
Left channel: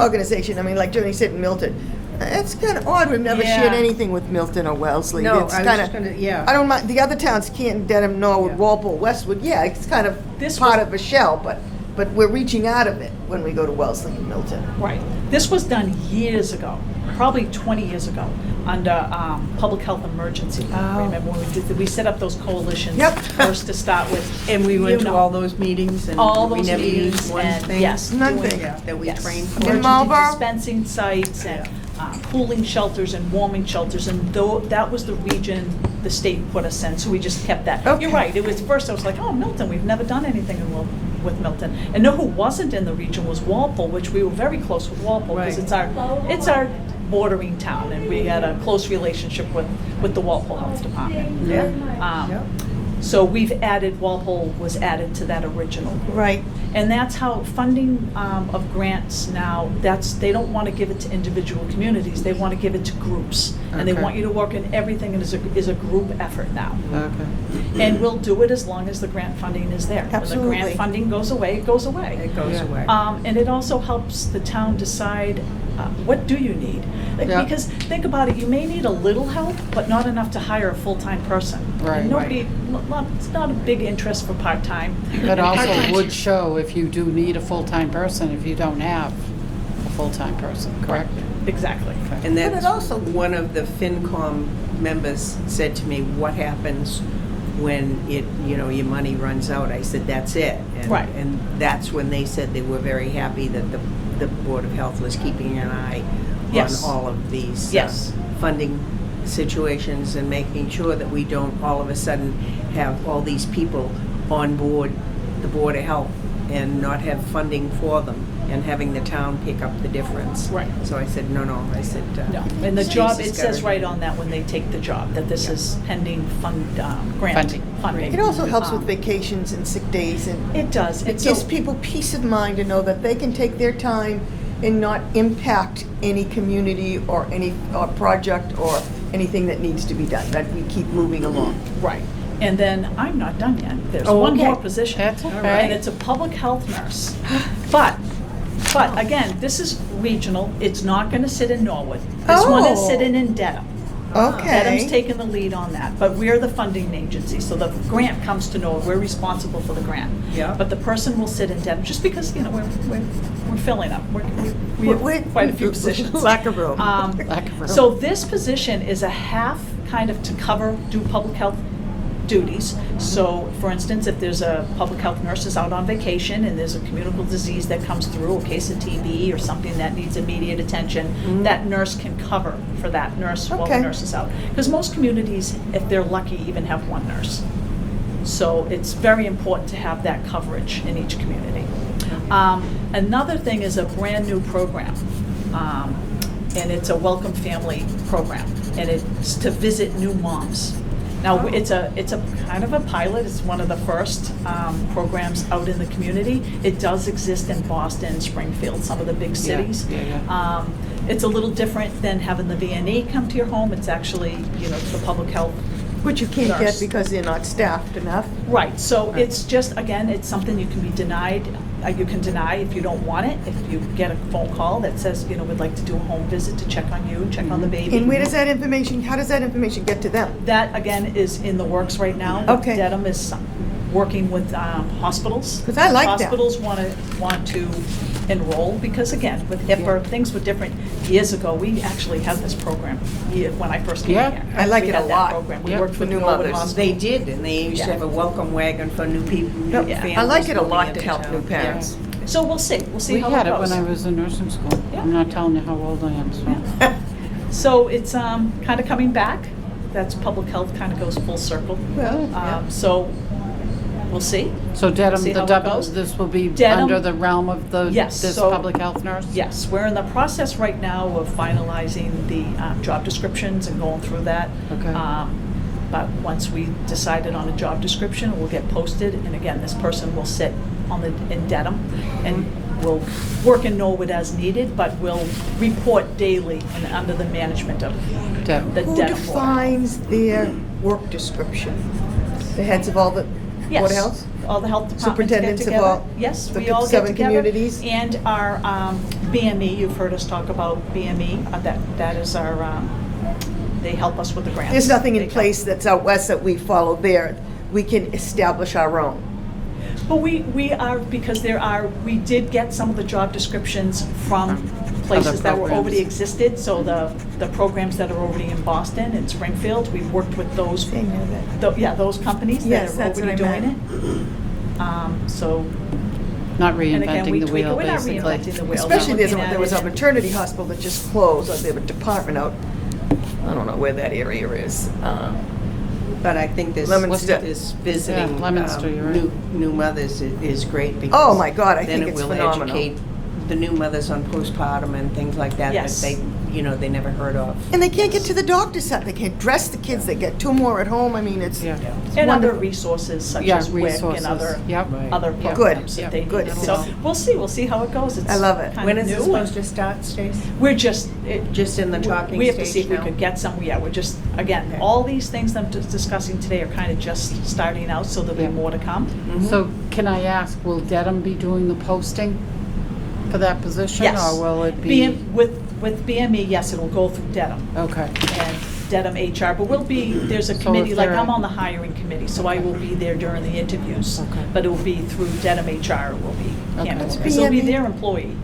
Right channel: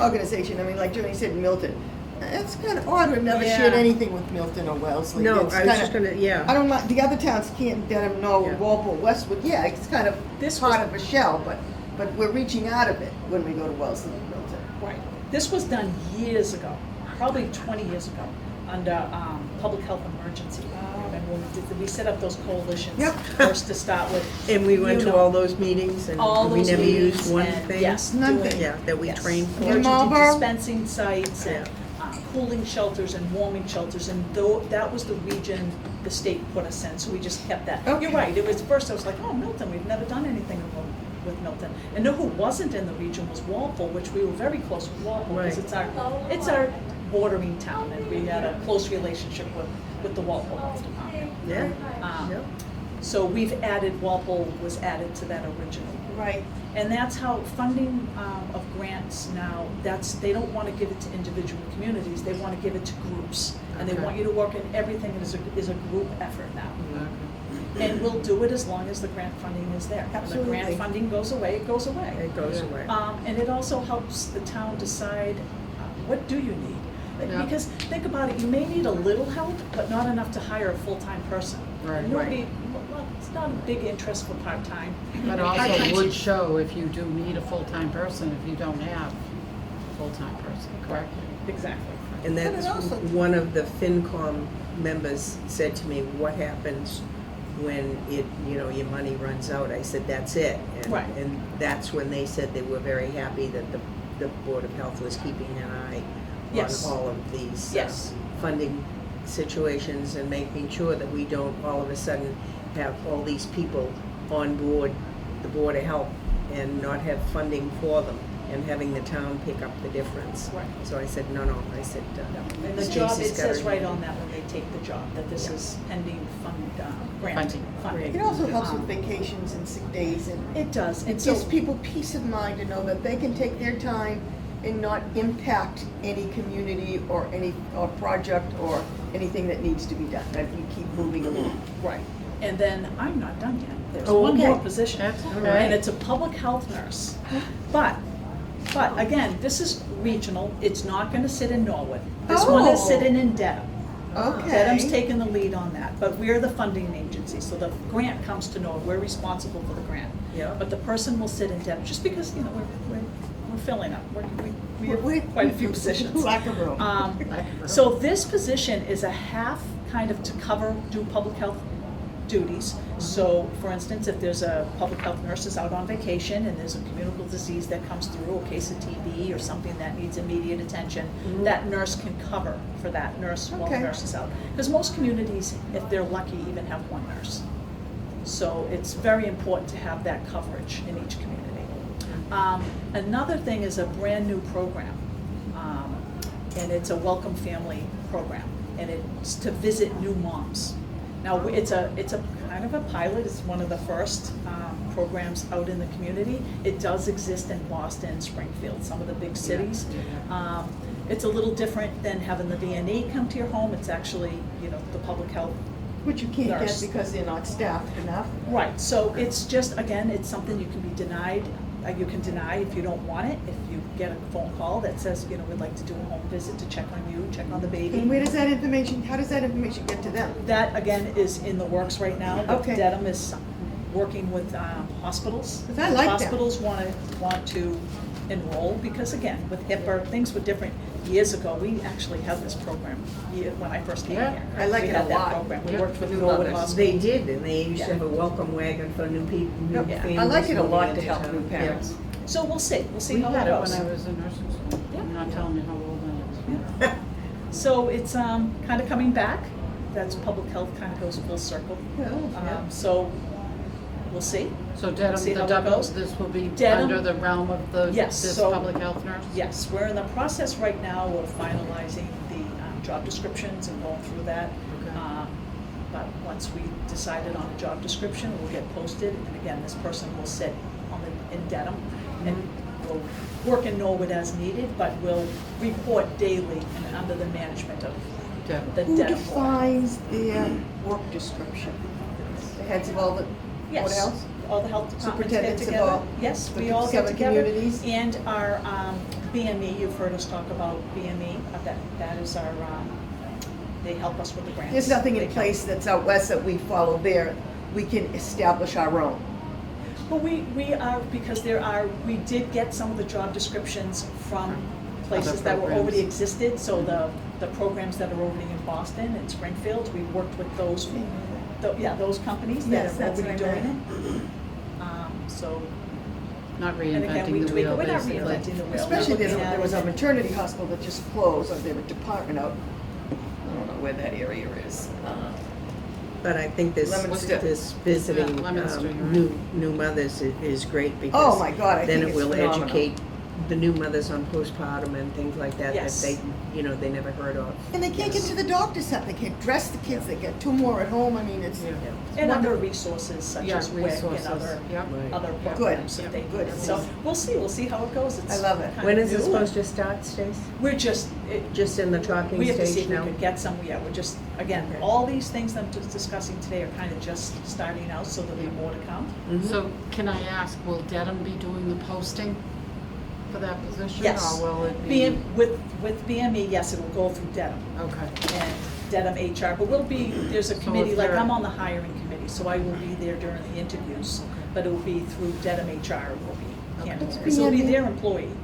organization? I mean, like Joni said, Milton. It's kind of odd. We've never Yeah. shared anything with Milton or Wellesley. No, It's I was kinda- just gonna, yeah. I don't mind, the other towns, Canton, Dedham, Norwood, Yeah. Walpole, Westwood, yeah, it's kind of This part was- of a shell, but we're reaching out of it when we go to Wellesley and Milton. Right. This was done years ago, probably 20 years ago, under public health emergency. Oh. Remember when we set up those coalitions Yep. first to start with? And we went You to know. all those meetings and All we those never meetings used one and, thing? yes, Nothing. doing, Yeah, that we yes, trained for. In emergency Marlboro? dispensing sites and cooling shelters and warming shelters, and that was the region the state put us in, so we just kept that. Okay. You're right, it was, first I was like, oh, Milton, we've never done anything with Milton. And know who wasn't in the region was Walpole, which we were very close with Walpole, because Right. it's our bordering town, and we had a close relationship with the Walpole Health Department. Yeah. Um, So Walpole was added to that original group. Right. And that's how funding of grants now, they don't want to give it to individual communities, they want to give it to groups. And they Okay. want you to work in everything as a group effort now. Okay. And we'll do it as long as the grant funding is there. When the Absolutely. grant funding goes away, it goes away. It goes Yeah. away. And it also helps the town decide, what do you need? Like, Yeah. because think about it, you may need a little help, but not enough to hire a full-time person. Right. And it's not a big interest for part-time. But also it would show if you do need a full-time person, if you don't have a full-time person, correct? Exactly. And But it that's also- one of the FinCom members said to me, what happens when your money runs out? I said, that's it. And- Right. And that's when they said they were very happy that the Board of Health was keeping an eye Yes. on all of these Yes. funding situations and making sure that we don't all of a sudden have all these people on board the Board of Health and not have funding for them and having the town pick up the difference. Right. So I said, no, I said. No, and the job, Stacy's it says gotta- right on that when they take the job, that this is pending grant funding. It also helps with Um, vacations and sick days, and It does. it And gives so- people peace of mind to know that they can take their time and not impact any community or any project or anything that needs to be done, that we keep moving along. Right. And then, I'm not done yet. There's Oh, one more okay. position. That's okay. And it's a public health nurse. But again, this is regional. It's not gonna sit in Norwood. This one is Oh. sitting in Dedham. Okay. Dedham's taking the lead on that, but we're the funding agency, so the grant comes to Norwood. We're responsible for the grant. Yeah. But the person will sit in Dedham, just because, we're filling up. We have quite a few positions. Lack of room. Lack of room. So this position is a half kind of to do public health duties. So, for instance, if there's a public health nurse is out on vacation and there's a communicable disease that comes through, a case of TB or something that needs immediate attention, that nurse can cover for that nurse while the Okay. nurse is out. Because most communities, if they're lucky, even have one nurse. So it's very important to have that coverage in each community. Another thing is a brand-new program, and it's a Welcome Family program, and it's to visit new moms. Now, it's a kind of a pilot, it's one of the first programs out in the community. It does exist in Boston, Springfield, some of the big cities. yeah. It's a little different than having the VNE come to your home, it's actually, the public health. Which you can't get nurse. because they're not staffed enough. Right, so it's just, again, it's something you can be denied, you can deny if you don't want it, if you get a phone call that says, we'd like to do a home visit to check on you, check on the baby. And where does that information, how does that information get to them? That, again, is in the works right now. Okay. Dedham is working with hospitals. 'Cause I like that. Hospitals want to enroll, because again, with HIPAA, things were different. Years ago, we actually had this program, when I first came Yeah. here. I like We it had a that lot. program. We Yeah. worked For with new Norwood mothers. Hospital. They did, and they used to Yeah. have a welcome wagon for new people, new Yep. families. I like it a moving lot to into help town. new parents. So we'll see We how had it it goes. when I was in nursing school. Yeah. I'm not telling you how old I am, so. Yeah. So it's kind of coming back. That's public health kind of goes full circle. Well, yeah. So we'll see. So Dedham, See the how it double, goes? this will be Dedham- under the realm of the, Yes, this so- public health nurse? Yes, we're in the process right now of finalizing the job descriptions and going through that. Okay. But once we decided on a job description, it will get posted, and again, this person will sit in Dedham, and will work in Norwood as needed, but will report daily and under the management of Dedham. the Who Dedham board. defines their work description? The heads of all the Board of Yes, Health? all the health departments get Superintendents of together. all Yes, the we all get 7 together. communities? And our BME, you've heard us talk about BME, that is our, they help us with the grants. There's nothing They in help. place that's out west that we follow there. We can establish our own. But we are, because we did get some of the job descriptions from places that were programs. already existed, so the programs that are already in Boston and Springfield, we worked with those, They know that. yeah, those companies that Yes, are that's already what I doing it. So, Not and again, we reinventing the tweak it, wheel, we're not basically. reinventing the wheel. Especially We're looking there at was a it. maternity hospital that just closed, or they have a department out, I don't know where that area is. But I think this, Lemonster. this visiting Yeah, Lemonster, you're right. new mothers is great because. Oh, my God, I think it's Then it phenomenal. will educate the new mothers on postpartum and things like that, that Yes. they, they never heard of. And they can't get to the doctor's side. They can't dress the kids. They get 2 more at home. I mean, it's Yeah. And other wonderful. resources such Yeah, as WIC resources. and other, Yep. other Yeah. programs Good. that they Good. need. So we'll see how it goes. It's I love it. kind When of is it new supposed and to start, Stace? We're just Just in the talking we have to see stage if we now? could get some, yeah, we're just, again, Okay. all these things that I'm just discussing today are kind of just starting out, so there'll be Yeah. more to come. Mhm. So can I ask, will Dedham be doing the posting for that position? Yes. Or will it be? With BME, yes, it'll go through Dedham. Okay. And Dedham HR, but there's a So committee, if like there I'm are- on the hiring committee, so I will be there during the interviews. Okay. But it will be through Dedham HR, will be Okay. candidates, because they'll be BME? their employee.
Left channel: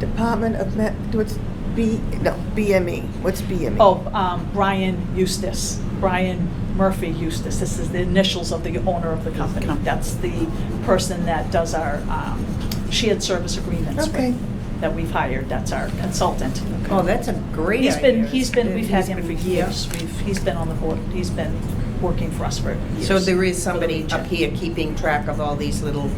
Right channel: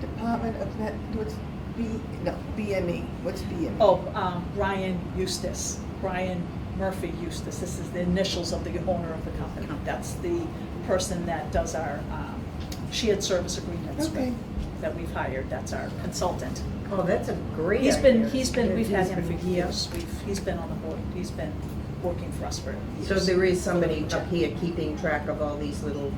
Department of what's BME? What's BME? Oh, Brian Eustace, Brian Murphy Eustace, this is the initials of the owner of the company. That's the person that does our shared service agreements Okay. with, that we've hired, that's our consultant. Oh, that's a great He's idea. been, we've had He's him for been- years, he's been on the board, he's been working for us for years. So there is somebody up here keeping track of all these little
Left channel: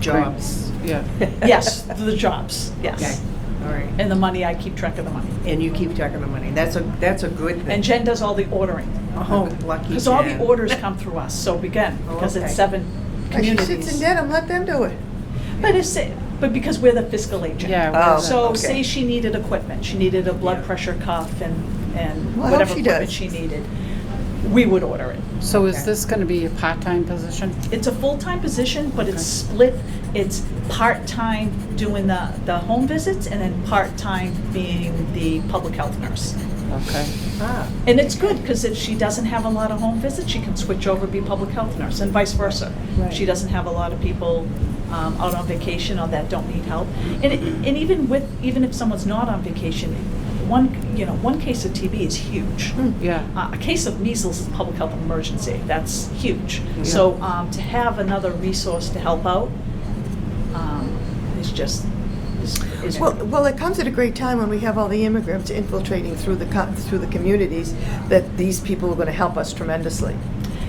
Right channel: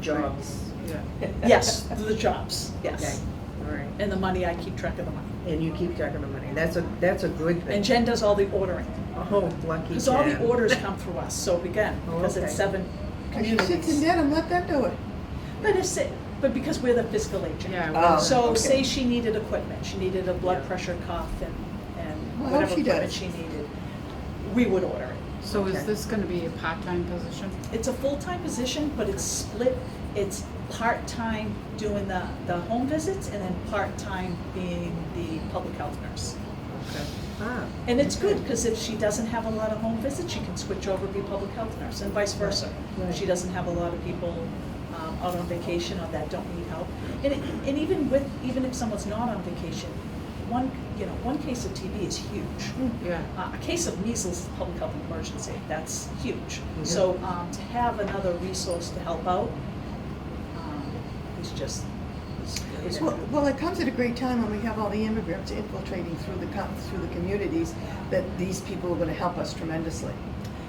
jobs. Yeah. Yes, the jobs, Okay, yes. all right. And the money, I keep track of the money. And you keep track of the money. That's a good thing. And Jen does all the ordering. Oh, lucky Because all the Jen. orders come through us, so again, because Okay. it's 7 And she communities. sits in Dedham. Let them do it. But because we're the fiscal agent. Yeah. Oh, So okay. say she needed equipment, she needed a blood Yeah. pressure cuff and Well, I hope whatever she equipment does. she needed, we would order it. So is this gonna be a part-time position? It's a full-time position, but it's split, it's part-time doing the home visits and then part-time being the public health nurse. Okay. Ah, And it's good, because if she doesn't have a lot of home visits, she can switch over to be public health nurse, and vice versa. Right. She doesn't have a lot of people out on vacation or that don't need help. And even if someone's not on vacation, one case of TB is huge. Yeah. A case of measles is a public health emergency, that's huge. So to have another resource to help out is just, is Well, it comes at a great time when we have all the immigrants infiltrating through the communities, that these people are going to help us tremendously.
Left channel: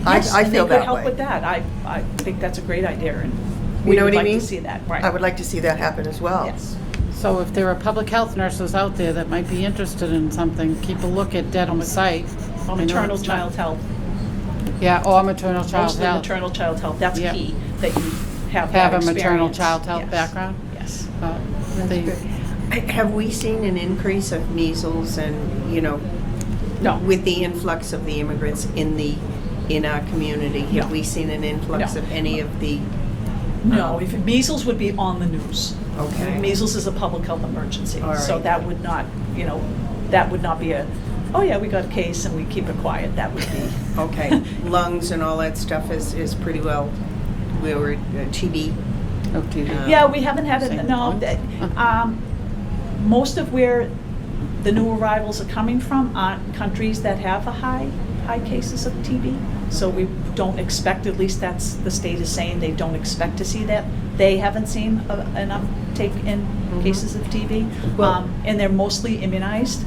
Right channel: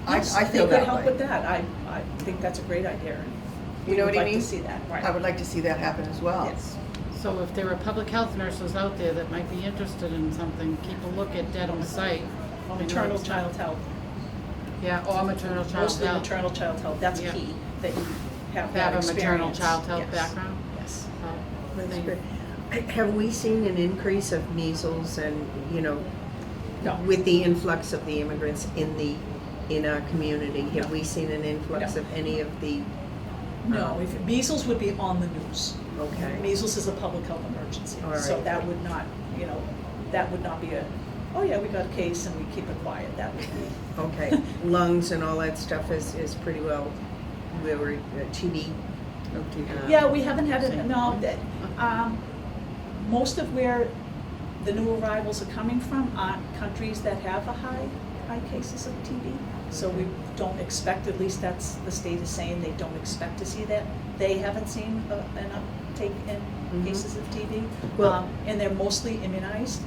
Yes, I and feel they could that help way. with that. I think that's a great idea, and You we know would what I like mean? to see that, right. I would like to see that happen as well. Yes. So if there are public health nurses out there that might be interested in something, keep a look at Dedham's site. Or I know maternal it's not- child health, Yeah, or maternal child mostly health. maternal child health, that's Yeah. key, that you have Have that a maternal experience. child health Yes. background? Yes. But that's the- good. Have we seen an increase of measles and, No. with the influx of the immigrants in our community? No. Have we seen an influx No. of any of the? No, if measles would be on the news. Okay. Measles is a public health emergency, All so right. that would not, that would not be oh yeah, we got a case and we keep it quiet, that would be. Okay, lungs and all that stuff is pretty well we were TB. Okay. Yeah, we haven't had Same it, no, one. most of where the new arrivals are coming from aren't countries that have a high cases of TB. So we don't expect, at least that's, the state is saying they don't expect to see that. They haven't seen an uptake in cases of TB. Well- And they're mostly immunized.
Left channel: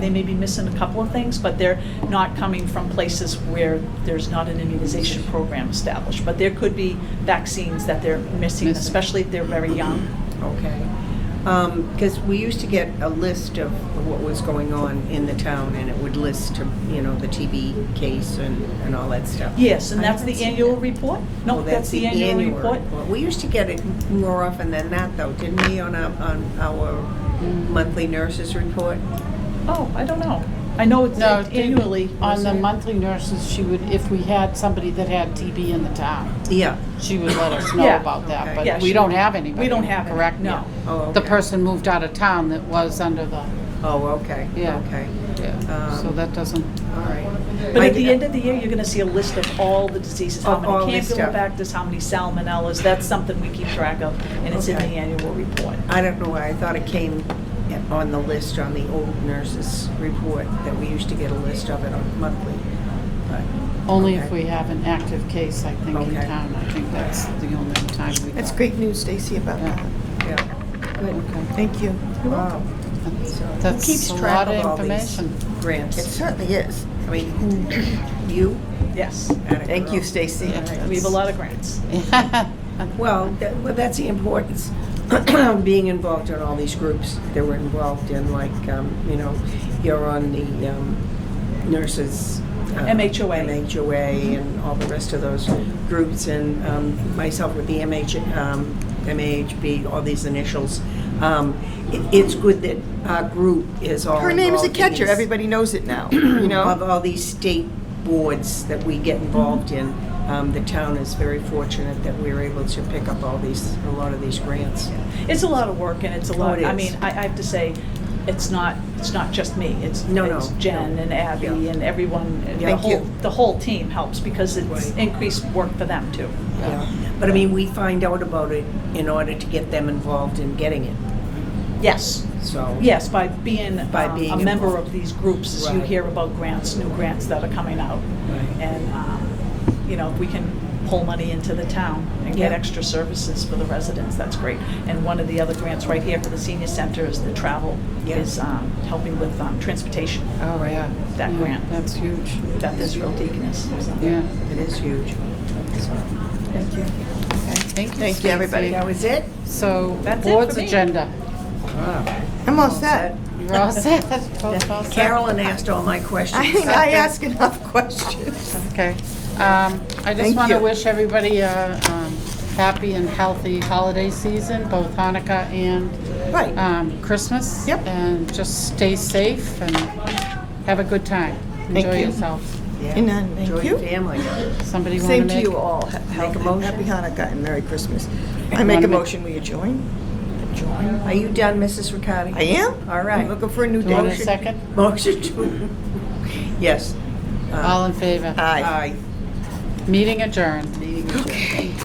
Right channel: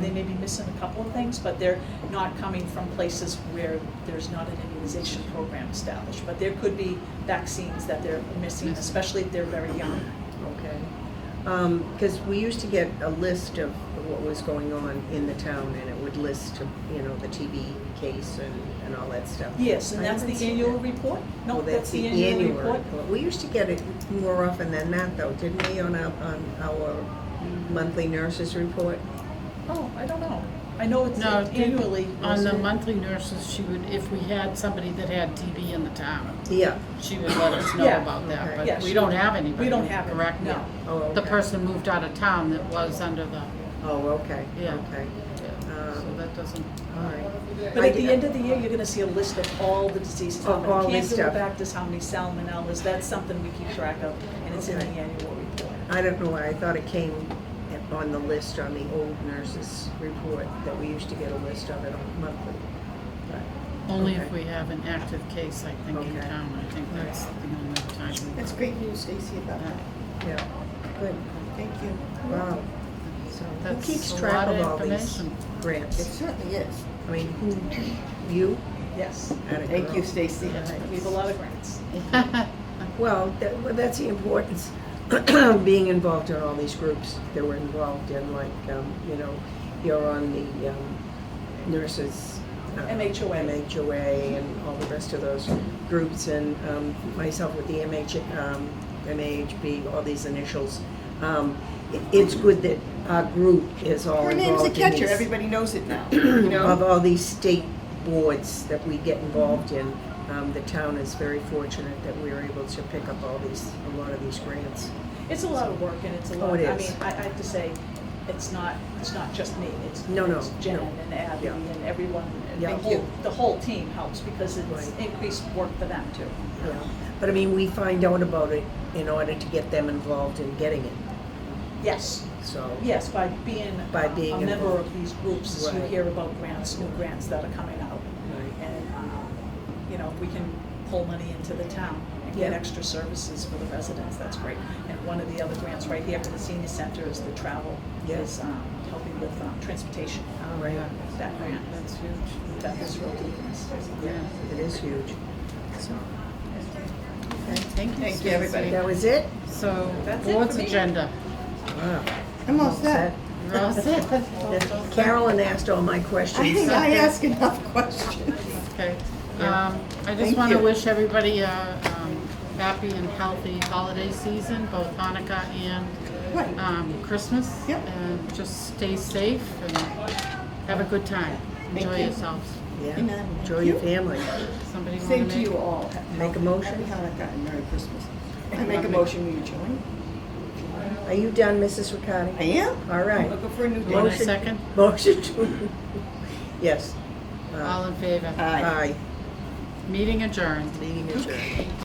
They may be missing a couple of things, but they're not coming from places where there's not an immunization program established. But there could be vaccines that they're missing, especially if they're very young. Okay. Because we used to get a list of what was going on in the town, and it would list, you know, the TB case and all that stuff. Yes, and I that's the haven't seen annual that. report? No, Oh, that's the annual report. We used to get it more often than that, though, didn't we, on our monthly nurses report? Oh, I don't know. I know it's No, annually. on the monthly nurses, she would, if we had somebody that had TB in the town, Yeah. she would let us know Yeah. about that, Okay. but Yeah, we she don't would. have anybody. We don't have any, correct? no. Oh, The okay. person moved out of town that was under the, Oh, okay. Yeah. Okay. yeah, so that doesn't, All right. But at the end of the year, you're gonna see a list of all the diseases, how Of all many this stuff. Campylobacters, how many salmonellas, that's something we keep track of, and it's in the Okay. annual report. I don't know why, I thought it came on the list on the old nurses report, that we used to get a list of it on monthly. But only okay. if we have an active case, I think, in Okay. town. I think that's the only time we. That's great news, Stacy, about Yeah. that. Yeah, good. Thank you. Wow. That's- So who That's keeps a track lot of of all these information. grants? It certainly is. I mean, you? Yes, Atta Thank you, girl. Stacy. Yeah. we have a lot of grants. Well, that's the importance, being involved in all these groups that we're involved in, like, you know, you're on the nurses. MHOA. MHOA and all the rest of those groups, and myself with the MAHB, all these initials. It's good that our group is all Her name's a involved in catcher, these- everybody knows it now, you know? Of all these state boards that we get involved in, the town is very fortunate that we're able to pick up a lot of these grants. It's a lot of work, and it's a lot, it I is. mean, I have to say, it's not just me, it's No, Jen no. and Abby Yeah. and everyone, and Thank you. the whole team helps, because it's Right. increased work for them too. Yeah. But I mean, we find out about it in order to get them involved in getting it, Yes, so. yes, by being By being a member involved. of these groups, as you Right. hear about grants, new grants that are coming out. Right. And, you know, we can pull money into the town and get Yeah. extra services for the residents, that's great. And one of the other grants right here for the senior center is the travel, Yeah. is helping with transportation. Oh, yeah. That Yeah, grant. That's huge. That is real deaconess. Yeah. It is huge. So, Thank you. Thank you. Thank you, everybody. that was it? So, That's it board's for me. agenda. I'm all set. You're all set? Both all set? Carolyn asked all my questions. I think I ask enough questions. Okay. I just Thank want to you. wish everybody a happy and healthy holiday season, both Hanukkah and Right. Christmas. Yep. And just stay safe and have a good time. Thank Enjoy you. yourselves. Yeah. And Enjoy thank your you. family. Somebody want to Same make? to you all. Make a motion. Happy Hanukkah and Merry Christmas. I make a Wanna make- motion, we adjourn. Are you done, Mrs. Riccardi? I am. All right. I'm looking for a new You want a date. second? Motion to, yes. All in favor? Aye. Aye. Meeting adjourned. Meeting adjourned.